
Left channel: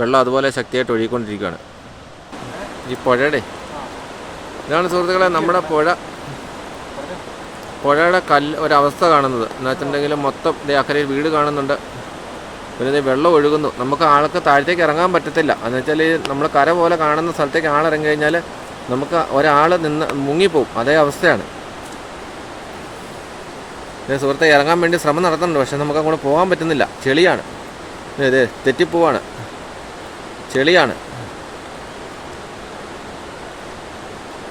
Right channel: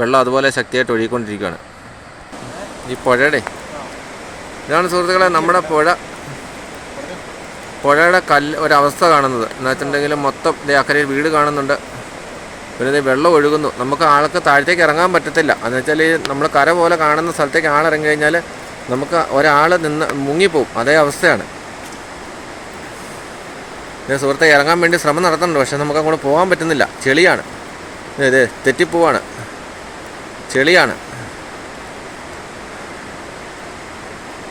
വെള്ളം അതുപോലെ ശക്തിയായിട്ട് ഒഴുകിക്കൊണ്ടിരിക്കുകയാണ്. ഈ പുഴയുടെ ഇതാണ് സുഹൃത്തുക്കളെ നമ്മുടെ പുഴയുടെ ഒരവസ്ഥ കാണുന്നത്. എന്ന് വെച്ചിട്ടുണ്ടെങ്കിൽ മൊത്തം ഇതേ അക്കരയിൽ വീട് കാണുന്നുണ്ട്. പിന്നെ ഇതേ വെള്ളം ഒഴുകുന്നു. നമുക്ക് ആൾക്ക് താഴത്തേക്ക് ഇറങ്ങാൻ പറ്റത്തില്ല. എന്ന് വെച്ചാൽ നമ്മൾ കര പോലെ കാണുന്ന സ്ഥലത്തേക്ക് ആളിറങ്ങി കഴിഞ്ഞാൽ നമുക്ക് ഒരാൾ മുങ്ങിപ്പോവും. അതേ അവസ്ഥയാണ്. സുഹൃത്തെ, ഇറങ്ങാൻ വേണ്ടി ശ്രമം നടത്തുന്നുണ്ട്. പക്ഷെ നമുക്ക് അങ്ങോട്ട് പോകാൻ പറ്റുന്നില്ല. ചെളിയാണ്. ഇത് തെറ്റിപ്പോവാണ്. ചെളിയാണ്.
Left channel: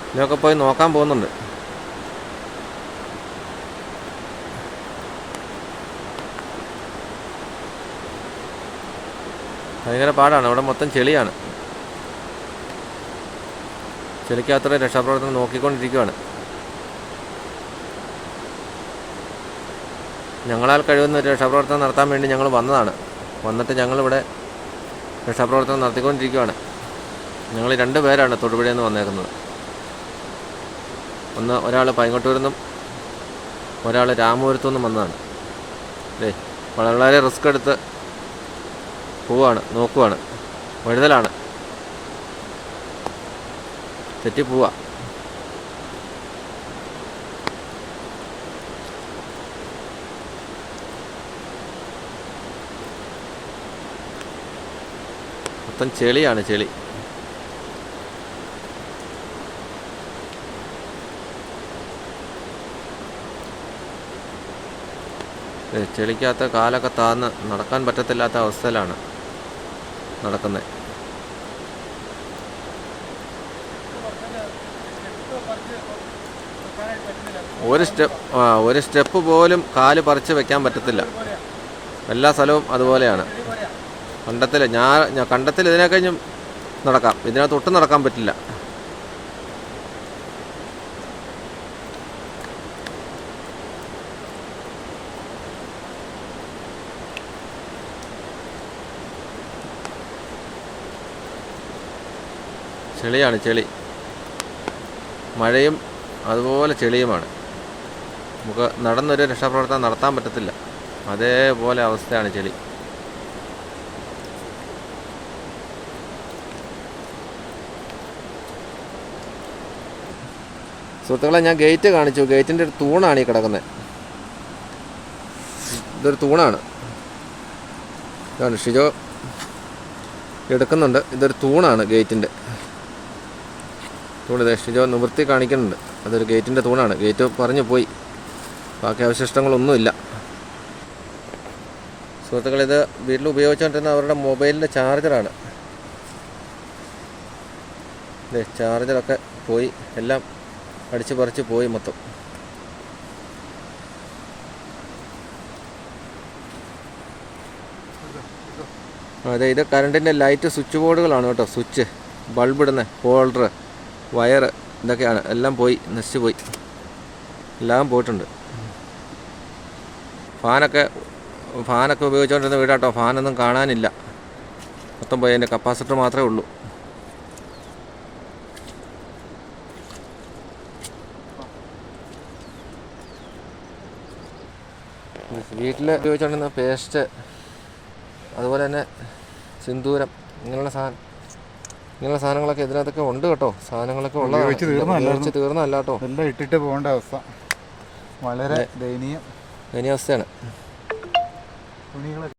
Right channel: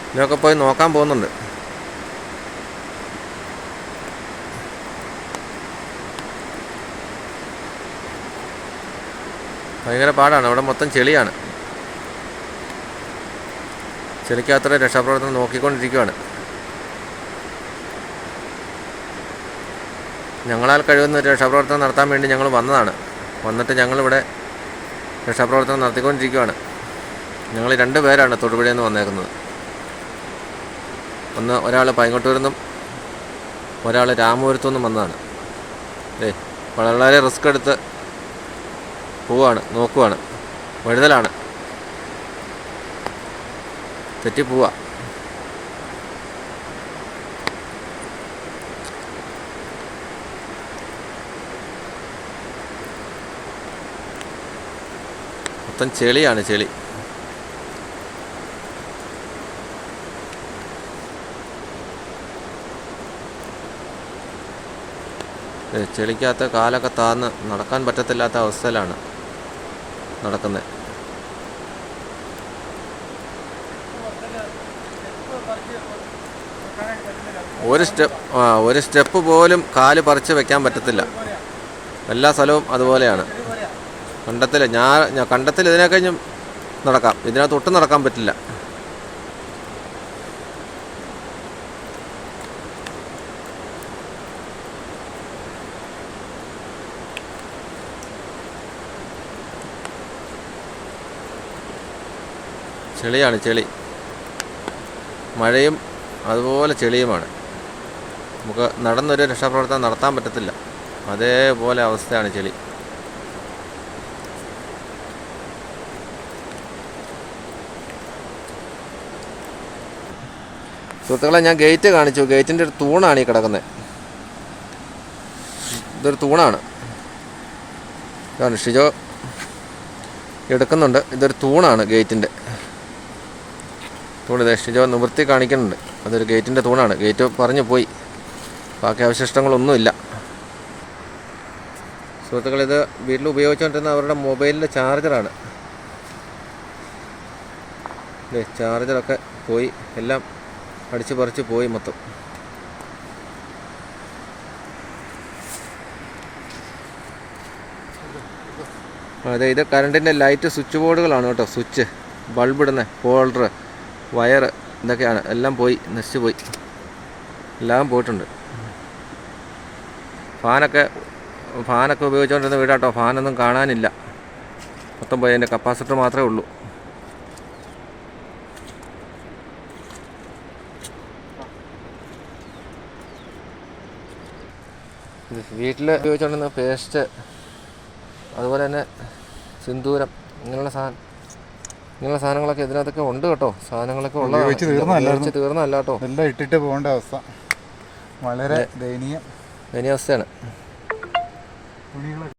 ഇതിനൊക്കെ പോയി നോക്കാൻ പോകുന്നുണ്ട്. ഭയങ്കര പാടാണ്. അവിടെ മൊത്തം ചെളിയാണ്. ചെളിക്കകത്തോടെ രക്ഷാപ്രവർത്തനം നോക്കിക്കൊണ്ടിരിക്കുകയാണ്. ഞങ്ങളാൽ കഴിയുന്ന ഒരു രക്ഷാപ്രവർത്തനം നടത്താൻ വേണ്ടി ഞങ്ങൾ വന്നതാണ്. വന്നിട്ട് ഞങ്ങളിവിടെ രക്ഷാപ്രവർത്തനം നടത്തിക്കൊണ്ടിരിക്കുകയാണ്. ഞങ്ങൾ 2 പേരാണ് തൊടുപുഴയിൽ നിന്ന് വന്നേക്കുന്നത്. ഒരാൾ പൈങ്ങോട്ടൂരിൽ നിന്നും ഒരാൾ രാമപുരത്തു നിന്നും വന്നതാണ്. വളരെ റിസ്ക് എടുത്ത് പോവാണ്, നോക്കുവാണ്. വഴുതലാണ്, തെറ്റിപ്പോവാ. മൊത്തം ചെളിയാണ്, ചെളി. ചെളിക്കകത്ത് കാലൊക്കെ താന്ന് നടക്കാൻ പറ്റത്തില്ലാത്ത അവസ്ഥയിലാണ് നടക്കുന്നത്. ഒരു സ്റ്റെപ്പ് പോലും കാല് പറിച്ച് വെക്കാൻ പറ്റത്തില്ല. എല്ലാ സ്ഥലവും അതുപോലെയാണ്. കണ്ടത്തിൽ ഇതിനെ കഴിഞ്ഞും നടക്കാം, ഇതിനകത്ത് ഒട്ടും നടക്കാൻ പറ്റില്ല. ചെളിയാണ്, ചെളി. മഴയും അതുപോലെ ചെളിയുമാണ്. നമുക്ക് നടന്നൊരു രക്ഷാപ്രവർത്തനം നടത്താൻ പറ്റത്തില്ല. അതേപോലെ അവസ്ഥയാണ് ചെളി. സുഹൃത്തുക്കളെ, ഞാൻ ഗേറ്റ് കാണിച്ചു. ഗേറ്റിൻ്റെ ഒരു തൂണാണ് ഈ കിടക്കുന്നത്. ഇതൊരു തൂണാണ്. ഇതാണ് ഷിജോ എടുക്കുന്നുണ്ട്. ഇതൊരു തൂണാണ്, ഗേറ്റിൻ്റെ തൂണ്. ഷിജോ നിവൃത്തി കാണിക്കുന്നുണ്ട്. അതൊരു ഗേറ്റിൻ്റെ തൂണാണ്. ഗേറ്റ് പറഞ്ഞു പോയി. ബാക്കി അവശിഷ്ടങ്ങളൊന്നുമില്ല. സുഹൃത്തുക്കൾ, ഇത് വീട്ടിൽ ഉപയോഗിച്ചുകൊണ്ടിരുന്ന അവരുടെ മൊബൈലിൻ്റെ ചാർജറാണ്. ചാർജറൊക്കെ പോയി, എല്ലാം അടിച്ചു പറിച്ച് പോയി മൊത്തം. അതെ, ഇത് കറണ്ടിൻ്റെ ലൈറ്റ് സ്വിച്ച് ബോർഡുകളാണ് കേട്ടോ. സ്വിച്ച്, ബൾബ് ഇടുന്ന ഹോൾഡർ, വയർ, ഇതൊക്കെയാണ്. എല്ലാം പോയി, നശിച്ചു പോയി, എല്ലാം പോയിട്ടുണ്ട്. ഫാനൊക്കെ ഉപയോഗിച്ചുകൊണ്ടിരുന്ന വീടാട്ടോ. ഫാനൊന്നും കാണാനില്ല, മൊത്തം പോയി. അതിൻ്റെ കപ്പാസിറ്റർ മാത്രമേ ഉള്ളൂ. വീട്ടിൽ ഉപയോഗിച്ചുകൊണ്ടിരുന്ന പേസ്റ്റ്, അതുപോലെ തന്നെ സിന്ദൂരം, ഇങ്ങനെയുള്ള സാധനങ്ങളൊക്കെ ഇതിനകത്തൊക്കെ ഉണ്ട് കേട്ടോ. സാധനങ്ങളൊക്കെ ഉള്ളതാണ്, ഉപയോഗിച്ച് തീർന്നല്ല കേട്ടോ. എല്ലാം ഇട്ടിട്ട് പോകേണ്ട അവസ്ഥ, വളരെ ദയനീയാവസ്ഥയാണ്. തുണികളൊക്കെ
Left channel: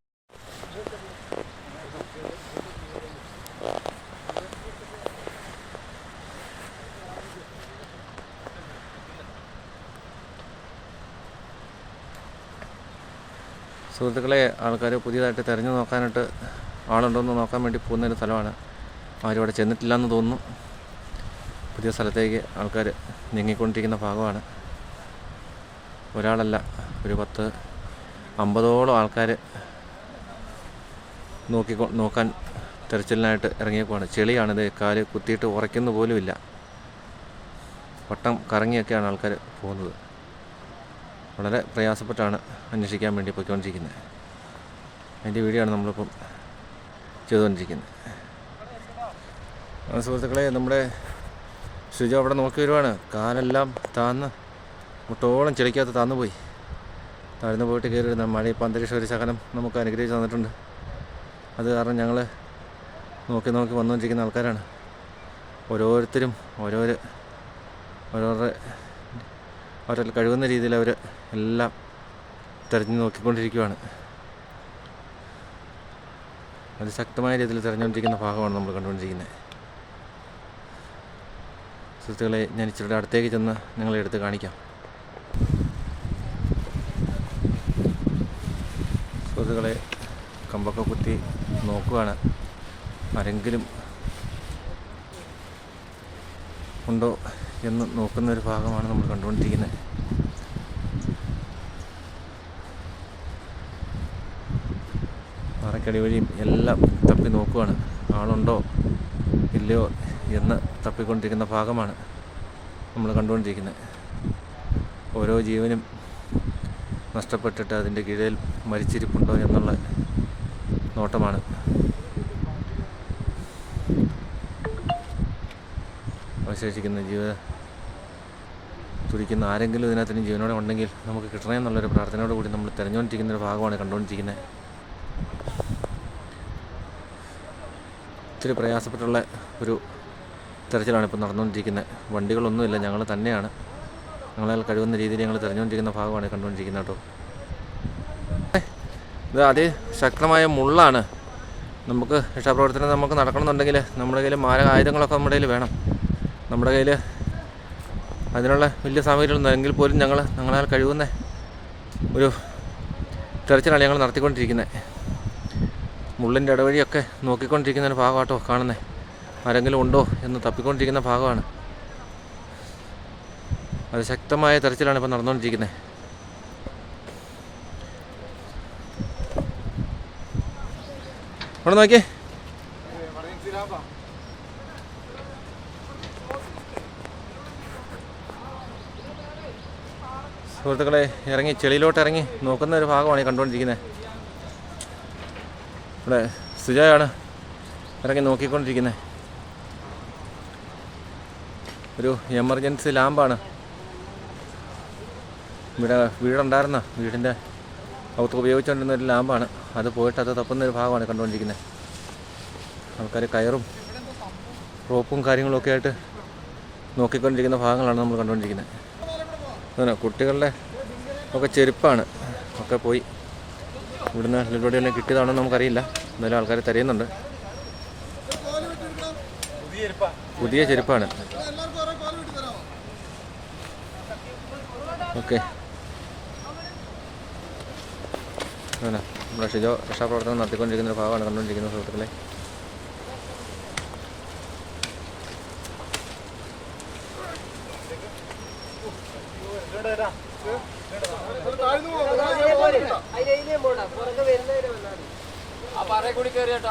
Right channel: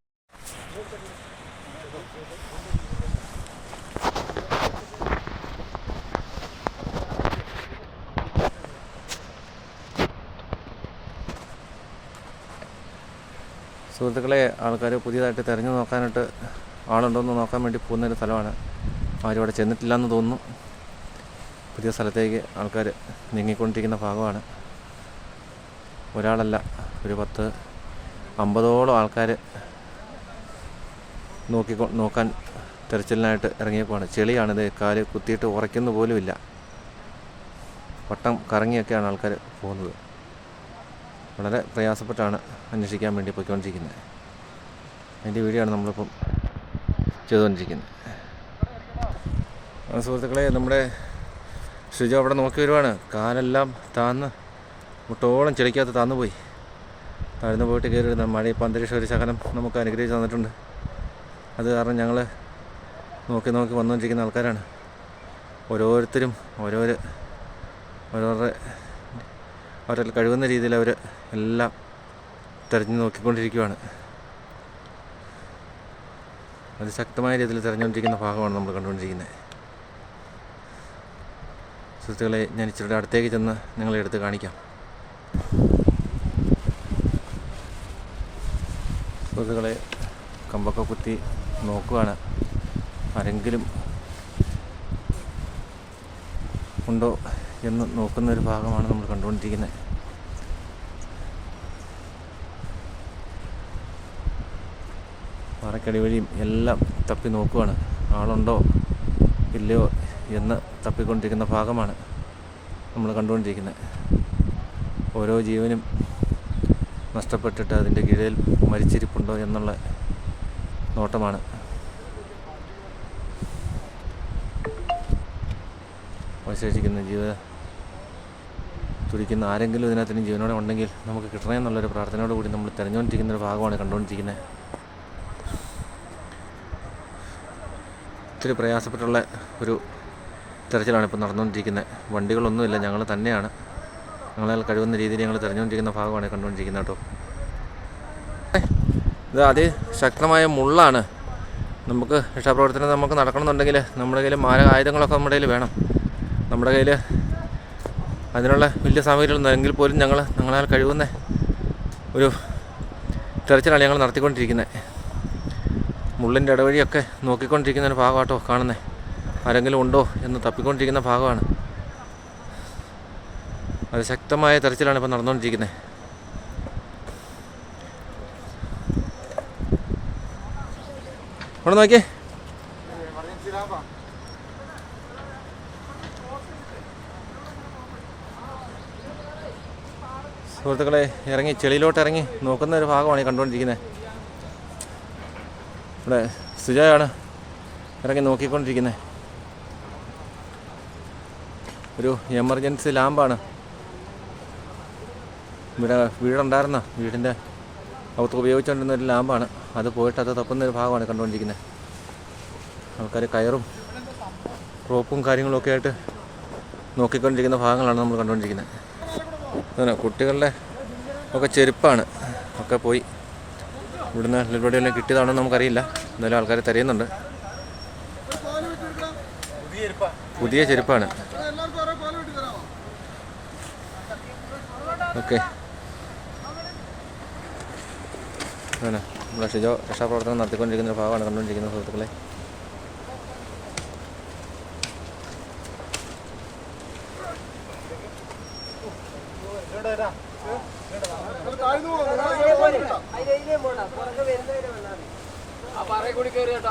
സുഹൃത്തുക്കളെ, ആൾക്കാർ പുതിയതായിട്ട് തിരഞ്ഞു നോക്കാനായിട്ട് ആളുണ്ടോയെന്ന് നോക്കാൻ വേണ്ടി പോകുന്നൊരു സ്ഥലമാണ്. ആരും അവിടെ ചെന്നിട്ടില്ലെന്ന് തോന്നുന്നു. പുതിയ സ്ഥലത്തേക്ക് ആൾക്കാർ നീങ്ങിക്കൊണ്ടിരിക്കുന്ന ഭാഗമാണ്. ഒരാളല്ല, ഒരു 10-50ഓളം ആൾക്കാർ നോക്കാൻ തെരച്ചിലിനായിട്ട് ഇറങ്ങിയേക്കുവാണ്. ചെളിയാണിത്, കാല് കുത്തിയിട്ട് ഉറയ്ക്കുന്ന പോലുമില്ല. വട്ടം കറങ്ങിയൊക്കെയാണ് ആൾക്കാർ പോകുന്നത്. വളരെ പ്രയാസപ്പെട്ടാണ് അന്വേഷിക്കാൻ വേണ്ടി പോയിക്കൊണ്ടിരിക്കുന്നത്. അതിൻ്റെ വീഡിയോ ആണ് നമ്മളിപ്പം ചെയ്തുകൊണ്ടിരിക്കുന്നത്. സുഹൃത്തുക്കളെ, നമ്മുടെ ഷിജു അവിടെ നോക്കി വരുവാണ്. കാലെല്ലാം താന്ന് മുട്ടോളം ചെളിക്കകത്ത് താന്നു പോയി. താഴ്ന്നു പോയിട്ട് കയറി വരുന്ന മഴ. ഇപ്പം അന്തരീക്ഷം ഒരു ശകലം നമുക്ക് അനുഗ്രഹിച്ച് തന്നിട്ടുണ്ട്. അത് കാരണം ഞങ്ങൾ നോക്കി വന്നുകൊണ്ടിരിക്കുന്ന ആൾക്കാരാണ്. ഓരോരുത്തരും അവരുടെ കഴിവുന്ന രീതിയിൽ അവർ എല്ലാം തിരഞ്ഞു നോക്കിക്കൊണ്ടിരിക്കുകയാണ്. അത് ശക്തമായ രീതിയിൽ തിരഞ്ഞുകൊണ്ടിരിക്കുന്ന ഭാഗമാണ് നമ്മൾ കണ്ടുകൊണ്ടിരിക്കുന്നത്. സുഹൃത്തുക്കളെ, ഞാൻ ഇച്ചിരി അടുത്തേക്ക് ചെന്ന് നിങ്ങളെ എടുത്ത് കാണിക്കാം. സുഹൃത്തുക്കളെ, കമ്പൊക്കെ കുത്തി നോക്കുകയാണ്. ആരെങ്കിലും ഉണ്ടോ എന്ന് നോക്കുന്നൊരു ഭാഗമാണ് നമ്മൾ കണ്ടുകൊണ്ടിരിക്കുന്നത്. പാറക്കടി വഴിയും എല്ലാം തപ്പി നോക്കുകയാണ്. ആളുണ്ടോ ഇല്ലയോ എന്ന് തപ്പിക്കൊണ്ടിരിക്കുന്ന ഭാഗമാണ് നമ്മൾ കണ്ടുകൊണ്ടിരിക്കുന്നത്. ഓരോ ജീവനും നഷ്ടപ്പെട്ടിട്ട് അതിൻ്റെ കീഴിൽ മരിച്ചിരിപ്പുണ്ടോ എന്നുള്ള നോട്ടമാണ്. അവശേഷിക്കുന്ന തുടിക്കുന്ന ആരെങ്കിലും ഇതിനകത്തിന് ജീവനോടെ ഉണ്ടെങ്കിൽ നമുക്ക് കിട്ടണേ എന്നുള്ളൊരു പ്രാർത്ഥനയോട് കൂടി നമ്മൾ തിരഞ്ഞുകൊണ്ടിരിക്കുന്നൊരു ഭാഗമാണ് കണ്ടുകൊണ്ടിരിക്കുന്നത്. ഒത്തിരി പ്രയാസപ്പെട്ടുള്ള ഒരു തിരച്ചിലാണ് ഇപ്പോൾ നടന്നുകൊണ്ടിരിക്കുന്നത്. വണ്ടികളൊന്നുമില്ല, ഞങ്ങൾ തന്നെയാണ്. ഞങ്ങളാൽ കഴിവുന്ന രീതിയിൽ ഞങ്ങൾ തിരഞ്ഞുകൊണ്ടിരിക്കുന്ന ഭാഗമാണ് കണ്ടുകൊണ്ടിരിക്കുന്നത് കേട്ടോ. ഇത് അതിശക്തമായ മുള്ളാണ്. നമുക്ക് രക്ഷാപ്രവർത്തനം നമുക്ക് നടക്കണമെന്നുണ്ടെങ്കിൽ നമ്മുടെ കയ്യിൽ മാരക ആയുധങ്ങളൊക്കെ നമ്മുടെ കയ്യിൽ വേണം. നമ്മുടെ കയ്യിൽ അതിനുള്ള വലിയ സാമഗ്രികളൊന്നും എങ്കിൽ പോലും ഞങ്ങളാൽ കഴിവുന്ന ഒരു തെരച്ചിലാണ് ഞങ്ങൾ നടത്തിക്കൊണ്ടിരിക്കുന്നത്. മുള്ളിൻ്റെ ഇടവഴിയൊക്കെ നോക്കിക്കൊണ്ടിരിക്കുന്ന ഒരു ഭാഗമാട്ടോ കാണുന്നത്. ആരെങ്കിലും ഉണ്ടോ എന്ന് തപ്പിക്കൊണ്ടിരിക്കുന്ന ഭാഗമാണ്. അത് ശക്തമായ തെരച്ചിലാണ് ഇപ്പോൾ നടന്നുകൊണ്ടിരിക്കുന്നത്. അവിടെ നോക്കിയേ, സുഹൃത്തുക്കളെ, ചെളിയിലോട്ട് ഇറങ്ങി നോക്കുന്ന ഒരു ഭാഗമാണ് ഈ കണ്ടുകൊണ്ടിരിക്കുന്നത്. ഇവിടെ സുജയാണ് ഇറങ്ങി നോക്കിക്കൊണ്ടിരിക്കുന്നത്. ഒരു എമർജൻസി ലാമ്പാണ്. വീടുണ്ടായിരുന്ന വീടിൻ്റെ അകത്ത് ഉപയോഗിച്ചുകൊണ്ടിരുന്ന ഒരു ലാമ്പാണ്. അത് പോയിട്ട് അത് തപ്പുന്നൊരു ഭാഗമാണ് കണ്ടുകൊണ്ടിരിക്കുന്നത്. ആൾക്കാർ കയറും റോപ്പും കാര്യങ്ങളൊക്കെ ആയിട്ട് നോക്കിക്കൊണ്ടിരിക്കുന്ന ഭാഗങ്ങളാണ് നമ്മൾ കണ്ടുകൊണ്ടിരിക്കുന്നത്. അങ്ങനെ കുട്ടികളുടെ ഒക്കെ ചെരുപ്പാണ് ഒക്കെ പോയി. ഇവിടുന്ന് പരിപാടിയെല്ലാം കിട്ടിയതാണോ നമുക്കറിയില്ല. എന്തായാലും ആൾക്കാർ തിരയുന്നുണ്ട്. പുതിയ ചെരുപ്പാണ്. ഓക്കെ, അങ്ങനെ നമ്മുടെ ഷിജോ രക്ഷാപ്രവർത്തനം നടത്തിക്കൊണ്ടിരിക്കുന്ന ഒരു ഭാഗമാണ് കണ്ടുകൊണ്ടിരിക്കുന്നത് സുഹൃത്തുക്കളെ. കൂടി കയറി കേട്ടോ.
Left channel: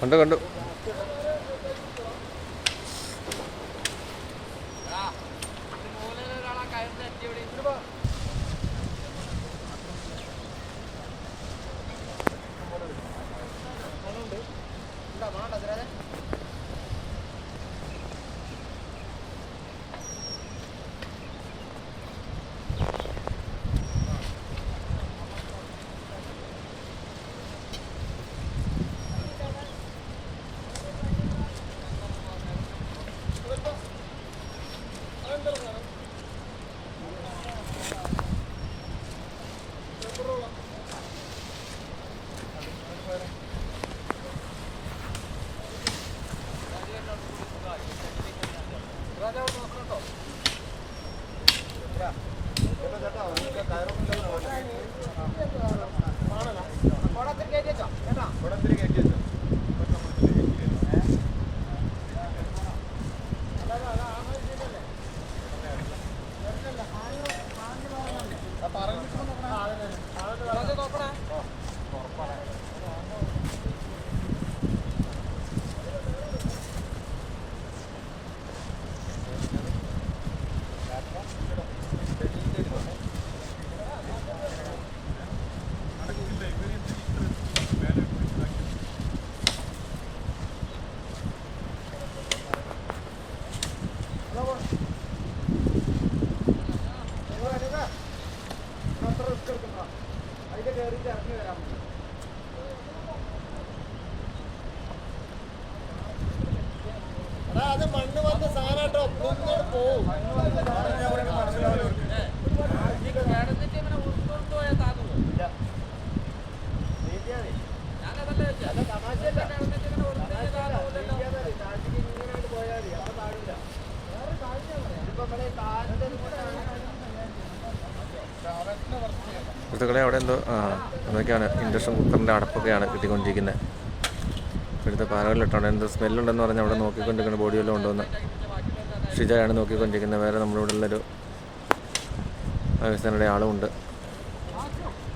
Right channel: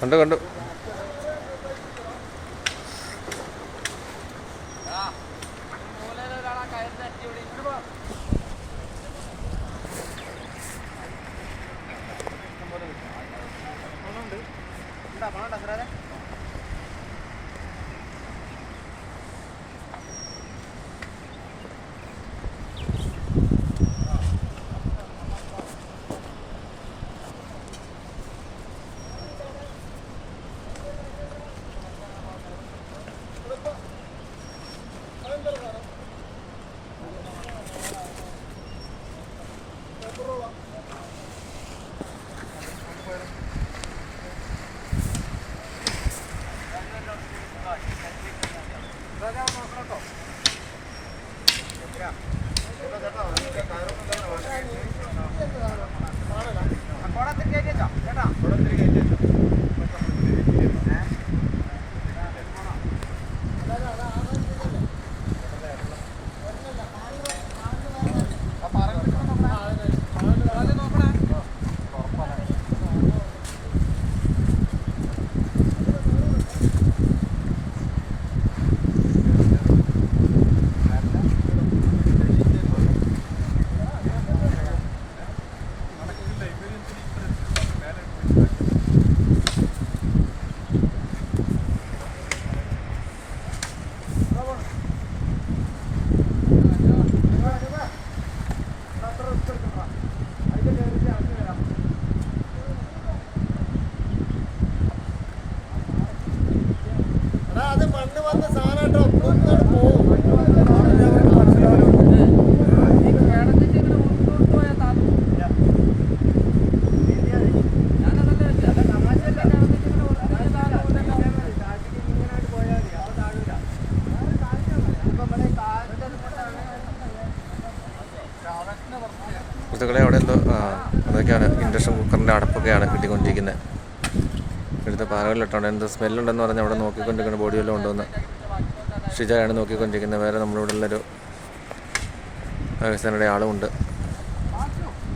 കണ്ടു കണ്ടു. സുഹൃത്തുക്കളെ, അവിടെ എന്തോ അതൊക്കെയാണ് ഇൻഡക്ഷൻ കുക്കറിൻ്റെ അടപ്പൊക്കെയാണ് കിട്ടിക്കൊണ്ടിരിക്കുന്നത്. ഇവിടുത്തെ പാറകളിലിട്ടുണ്ട്. എന്തോ സ്മെല്ലുണ്ടെന്ന് പറഞ്ഞ് അവിടെ നോക്കിക്കൊണ്ടിരിക്കുന്ന ബോഡി വല്ലതും ഉണ്ടോയെന്ന് ഷിജയാണ് നോക്കിക്കൊണ്ടിരിക്കുന്നത്. വേറെ നമ്മളിവിടെ ഉള്ളൊരു പാകിസ്ഥാനിയുടെ ആളുമുണ്ട്.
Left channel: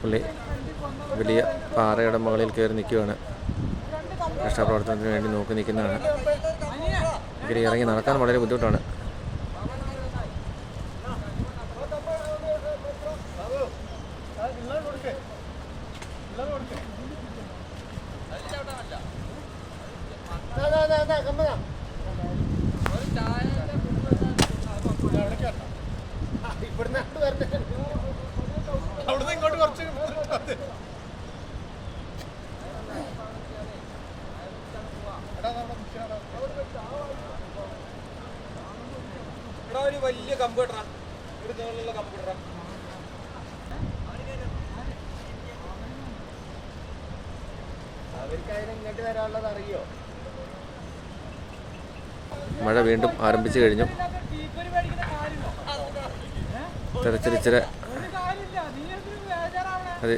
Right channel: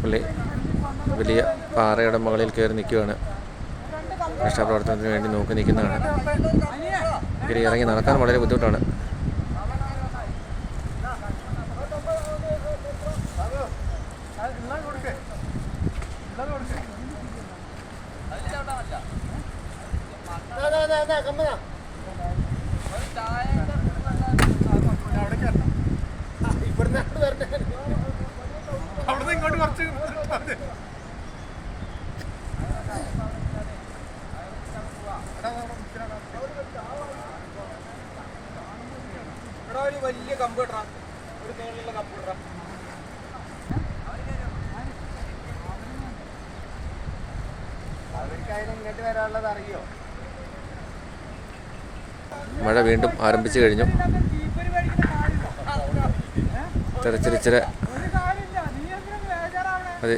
പുള്ളി വലിയ പാറയുടെ മുകളിൽ കയറി നിൽക്കുകയാണ്. രക്ഷാപ്രവർത്തനത്തിന് വേണ്ടി നോക്കി നിൽക്കുന്നതാണ്. ഇറങ്ങി നടക്കാൻ വളരെ ബുദ്ധിമുട്ടാണ്. ഒരു വലിയ കമ്പ്യൂട്ടറാ, ഒരു തോളിലുള്ള കമ്പ്യൂട്ടറാ. അവർക്കായാലും ഇങ്ങോട്ട് വരാനുള്ളത് അറിയോ? മഴ വീണ്ടും ആരംഭിച്ചു കഴിഞ്ഞു. തെരച്ചിലിച്ചിരി അത്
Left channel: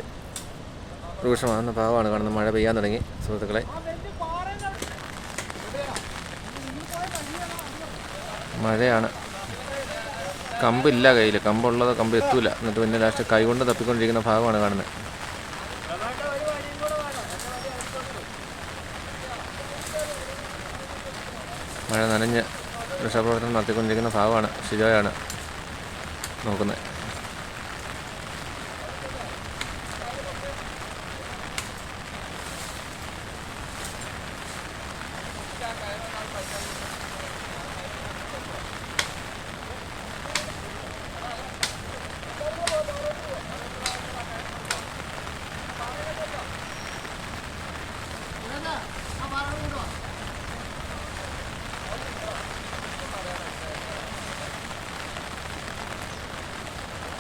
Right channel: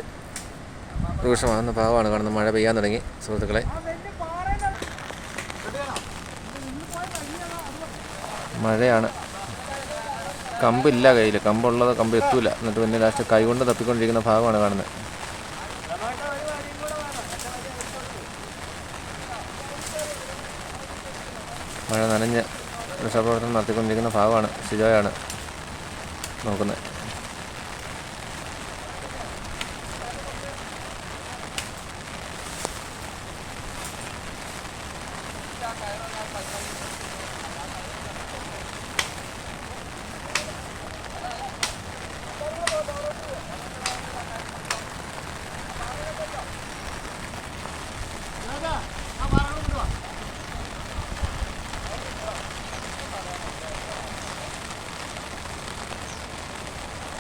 രൂക്ഷമാകുന്ന ഭാവമാണ് കാണുന്നത്. മഴ പെയ്യാൻ തുടങ്ങി സുഹൃത്തുക്കളെ. മഴയാണ്. കമ്പില്ല കയ്യിൽ. കമ്പുള്ളത് കമ്പ് എത്തൂല. എന്നിട്ട് പിന്നെ ലാസ്റ്റ് കൈകൊണ്ട് തപ്പിക്കൊണ്ടിരിക്കുന്ന ഭാഗമാണ് കാണുന്നത്. മഴ നനഞ്ഞ് രക്ഷാപ്രവർത്തനം നടത്തിക്കൊണ്ടിരിക്കുന്ന ഭാഗമാണ് ഷിജോയാണ് നോക്കുന്നത്.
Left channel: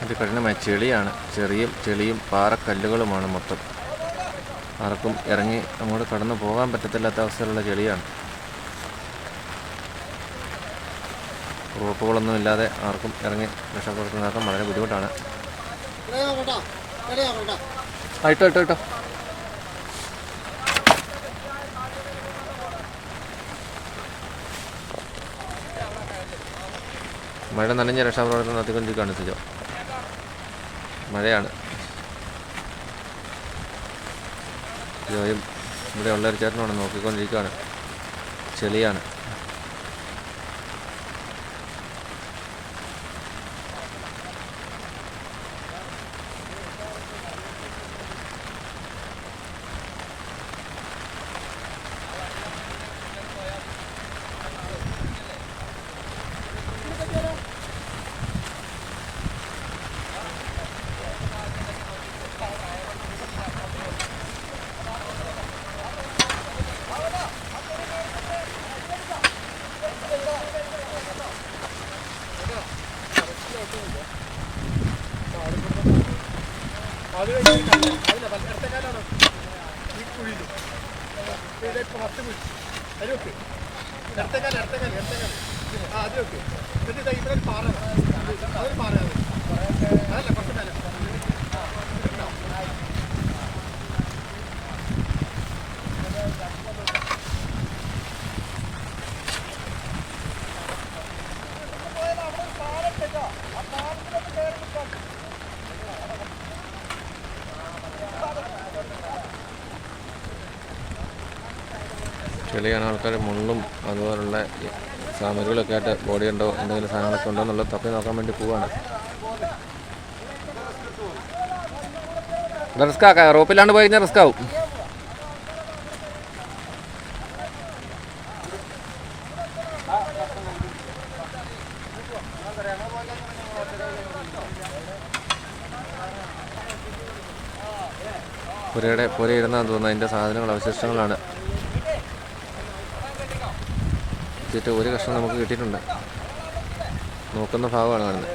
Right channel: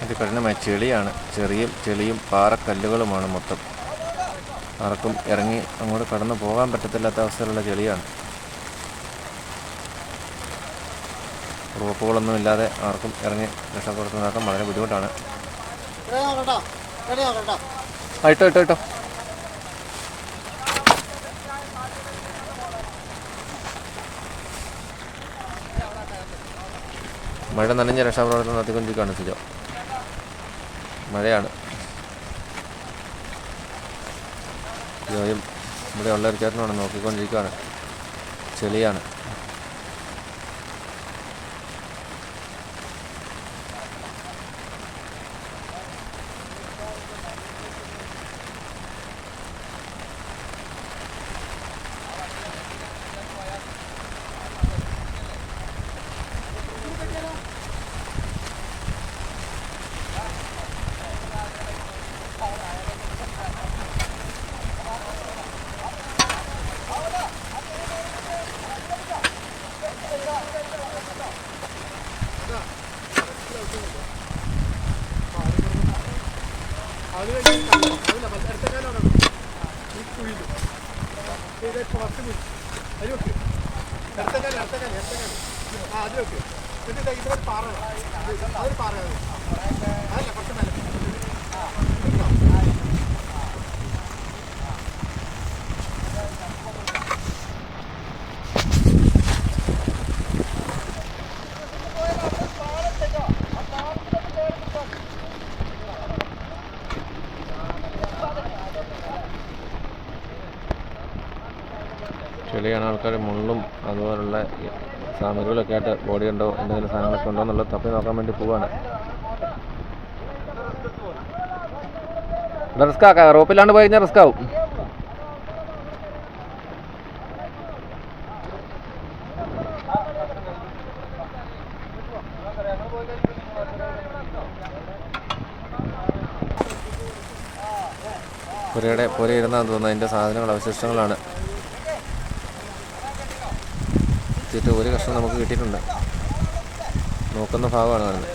ഒരു കഠിനമായ ചെളിയാണ്, ചെളിയും പാറക്കല്ലുകളുമാണ് മൊത്തം. ആർക്കും ഇറങ്ങി അങ്ങോട്ട് കടന്നു പോകാൻ പറ്റത്തില്ലാത്ത അവസ്ഥയിലുള്ള ചെളിയാണ്. റോപ്പുകളൊന്നും ഇല്ലാതെ ആർക്കും ഇറങ്ങി രക്ഷപ്പെടുത്തി നടക്കാൻ വളരെ ബുദ്ധിമുട്ടാണ്. ഇട്ടോ മഴ നനഞ്ഞ രക്ഷാപ്രവർത്തനം നടത്തിക്കൊണ്ടിരിക്കുകയാണ് സിജോ. മഴയാണ്. സിജോയും ഇവിടെ ഉള്ളൊരു ചേട്ടനാണ് നോക്കിക്കൊണ്ടിരിക്കുകയാണ്. ചെളിയാണ്. ചെളിയാണ്. ആൾക്കാർ മുള്ളും അതുപോലുള്ള സാമഗ്രികളൊക്കെ ആയിട്ട് ബോഡി ഉണ്ടോ എന്തെങ്കിലും സാധനങ്ങളൊക്കെ ഉണ്ടോ എന്നുള്ളത് തപ്പി നോക്കാൻ വേണ്ടി പോവാണ്. റിസ്ക് ആക്കാം, റോപ്പിലാണ്ട് പോയി കഴിഞ്ഞാൽ റിസ്ക് ആവും. പുരയിരുന്നാന്ന് തോന്നുന്നു. അതിൻ്റെ സാധനങ്ങൾ അവശിഷ്ടങ്ങളാണ്. ഒരു കഷ്ണം നമുക്ക് കിട്ടിയിട്ടുണ്ട്. നോക്കുന്ന ഭാഗമാണ് കാണുന്നത്.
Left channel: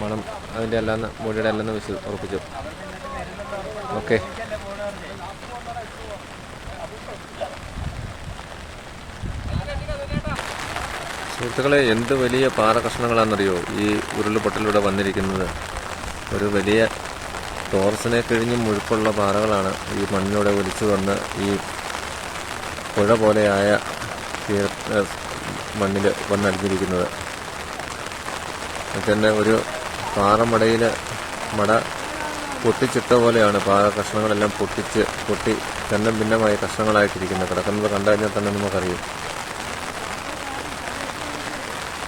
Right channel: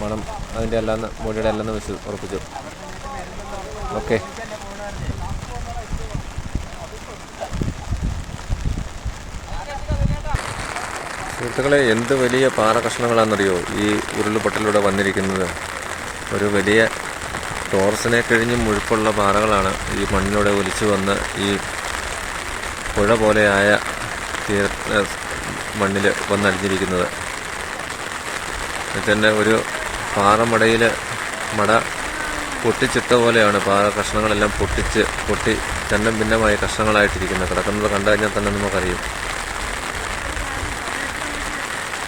മണം അതിൻ്റെ അല്ലാന്ന് മുടിയുടെ അല്ലെന്ന് ഉറപ്പിച്ചു. ഓക്കെ. സുഹൃത്തുക്കളെ, എന്ത് വലിയ പാറ കഷ്ണങ്ങളാണെന്നറിയോ ഈ ഉരുൾപൊട്ടലിലൂടെ വന്നിരിക്കുന്നത്. ഒരു വലിയ ടോർസിനെ കഴിഞ്ഞും മുഴുപ്പുള്ള പാറകളാണ് ഈ മണ്ണിലൂടെ ഒലിച്ചു വന്ന് ഈ പുഴ പോലെയായ മണ്ണിൽ വന്നടിഞ്ഞിരിക്കുന്നത്. എന്നിട്ട് തന്നെ ഒരു പാറമടയിൽ മട പൊട്ടിച്ചിട്ട പോലെയാണ് പാറ കഷ്ണങ്ങളെല്ലാം പൊട്ടി ചന്നം ഭിന്നമായ കഷ്ണങ്ങളായിട്ടിരിക്കുന്നത്. കിടക്കുന്നത് കണ്ടു കഴിഞ്ഞാൽ തന്നെ നമുക്കറിയും.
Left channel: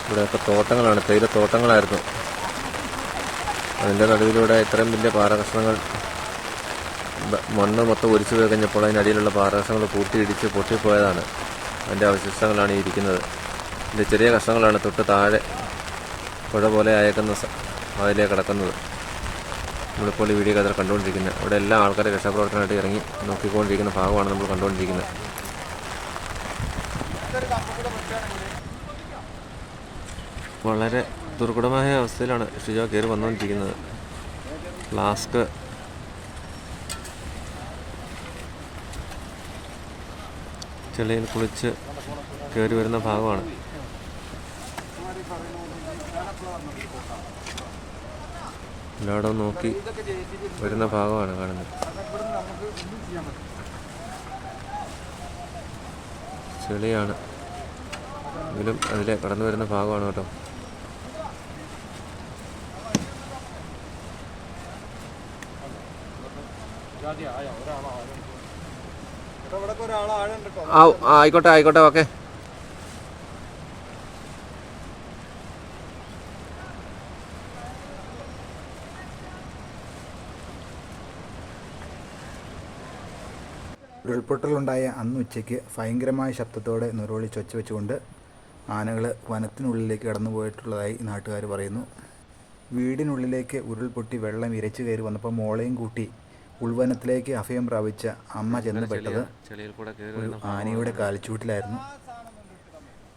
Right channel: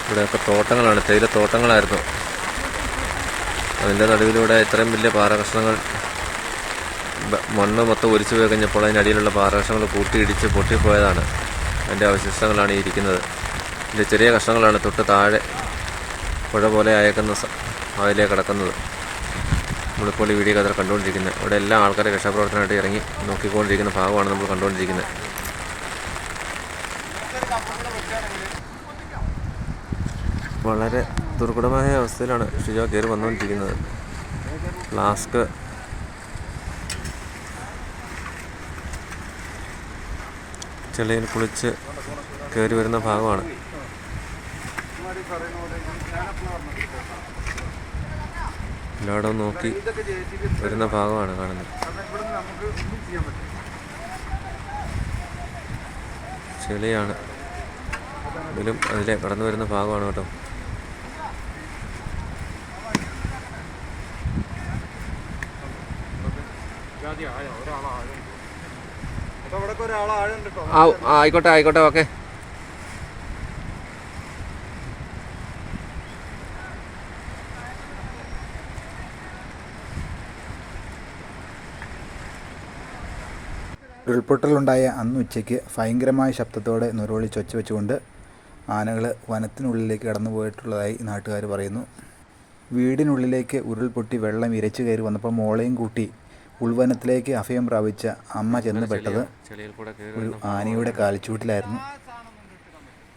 ഇവിടെയൊക്കെ തോട്ടങ്ങളാണ്, തേയിലത്തോട്ടങ്ങളായിരുന്നു. അതിൻ്റെ നടുവിലൂടെ ഇത്രയും വലിയ പാറ കഷ്ണങ്ങൾ മണ്ണ് മൊത്തം ഒലിച്ചു പോയി കഴിഞ്ഞപ്പോൾ അതിനടിയിലുള്ള പാറ കഷ്ണങ്ങൾ കൂട്ടിയിടിച്ച് പൊട്ടിപ്പോയതാണ്. അതിൻ്റെ അവശിഷ്ടങ്ങളാണ് ഈ ഇരിക്കുന്നത്. ഇതിൻ്റെ ചെറിയ കഷ്ണങ്ങളാണ് തൊട്ട് താഴെ പുഴ പോലെ അയക്കുന്ന അതിലേക്ക് കിടക്കുന്നത്. നമ്മളിപ്പോൾ ഈ വീഡിയോ കഥ കണ്ടുകൊണ്ടിരിക്കുന്നത്. ഇവിടെ എല്ലാ ആൾക്കാരെ രക്ഷാപ്രവർത്തനമായിട്ട് ഇറങ്ങി നോക്കിക്കൊണ്ടിരിക്കുന്ന ഭാഗമാണ് നമ്മൾ കണ്ടുകൊണ്ടിരിക്കുന്നത്. വളരെ ദുർഘടമായ അവസ്ഥയിലാണ് ഷിജോ കയറി വന്നുകൊണ്ടിരിക്കുന്നത്. ഫ്ലാസ്ക് ചെളിയിൽ കുളിച്ച് കയറി വരുന്ന ഭാഗമാണ്. എല്ലായിടവും നോക്കി വരുന്ന ഭാഗമാണ് കാണുന്നത്. ചെളിയാണ് എങ്കിലും അതിലെ കടന്നു വരുന്ന ഭാഗമാണ് കേട്ടോ. ആയിക്കോട്ടെ ഓക്കെ. ഉരുൾപൊട്ടലുണ്ടായ അന്ന് ഉച്ചയ്ക്ക് ഭയങ്കരമായ ശബ്ദത്തോടെ നിറവിളിച്ചൊച്ച വെച്ചുകൊണ്ട് ആനകൾ വനത്തിനുള്ളിലേക്ക് കടന്നു പോയിട്ടുള്ളതായി നാട്ടുകാർ പറയുന്നു. വീടിനുള്ളിലേക്ക് ഉരുൾപൊട്ടി വെള്ളം ഇരച്ചു കയറി വന്നപ്പോൾ മോളെയും കൂട്ടി ഉൾവനത്തിലേക്ക് അഭയം പ്രാപിച്ച അമ്മ ചെന്ന് പെട്ടത് ഒരു ആനയുടെ കാൽച്ചൂട്ടിലായിരുന്നു.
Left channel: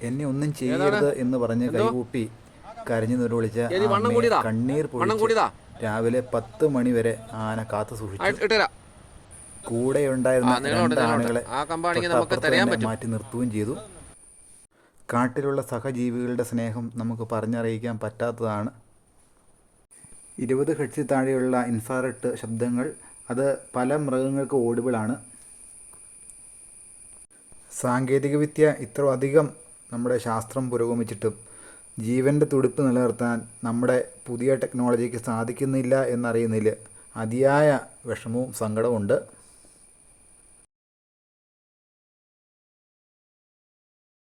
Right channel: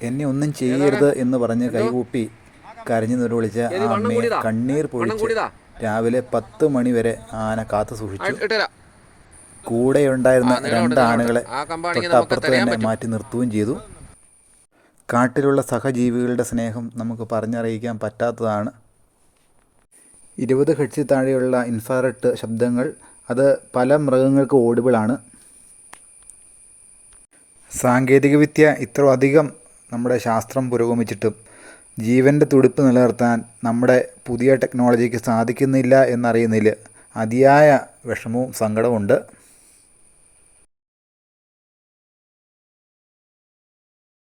എന്നെ ഒന്നും ചെയ്യരുത് എന്ന് പറഞ്ഞ് കൈകൂപ്പി കരഞ്ഞു നിലവിളിച്ച ആ അമ്മയെ കണ്ണീർ പൊഴിച്ച് രാവിലെ 10 മണി വരെ ആന കാത്തു സൂക്ഷിച്ചു. കൂടെയുണ്ടായിരുന്ന 2 ആനകളെ തൊട്ടപ്പുറത്ത് തന്നെ മാറ്റി നിർത്തുകയും ചെയ്തു. കാട്ടിലുള്ള സഹജീവികളുടെ സ്നേഹം നമുക്ക് പറഞ്ഞറിയിക്കാൻ പറ്റാത്തതാണ്. 20 ഹെർട്സിൽ താഴെയുള്ള ഇൻഫ്രാറെഡ് ശബ്ദങ്ങൾ അത് പല മൃഗങ്ങൾക്ക് ഓഡിബിളാണ്. സാങ്കേതികവിദ്യ ഇത്ര അധികം നമ്മുടെ ശാസ്ത്രം പുരോഗമിച്ചിട്ടും ജീവൻ്റെ തുടിപ്പ് നിലനിർത്താൻ നമ്മുടെ പുതിയ ടെക്നോളജിക്ക് സാധിക്കുന്നില്ല എന്നറിയുന്നതിൽ അതിയായ വിഷമവും സങ്കടവുമുണ്ട്.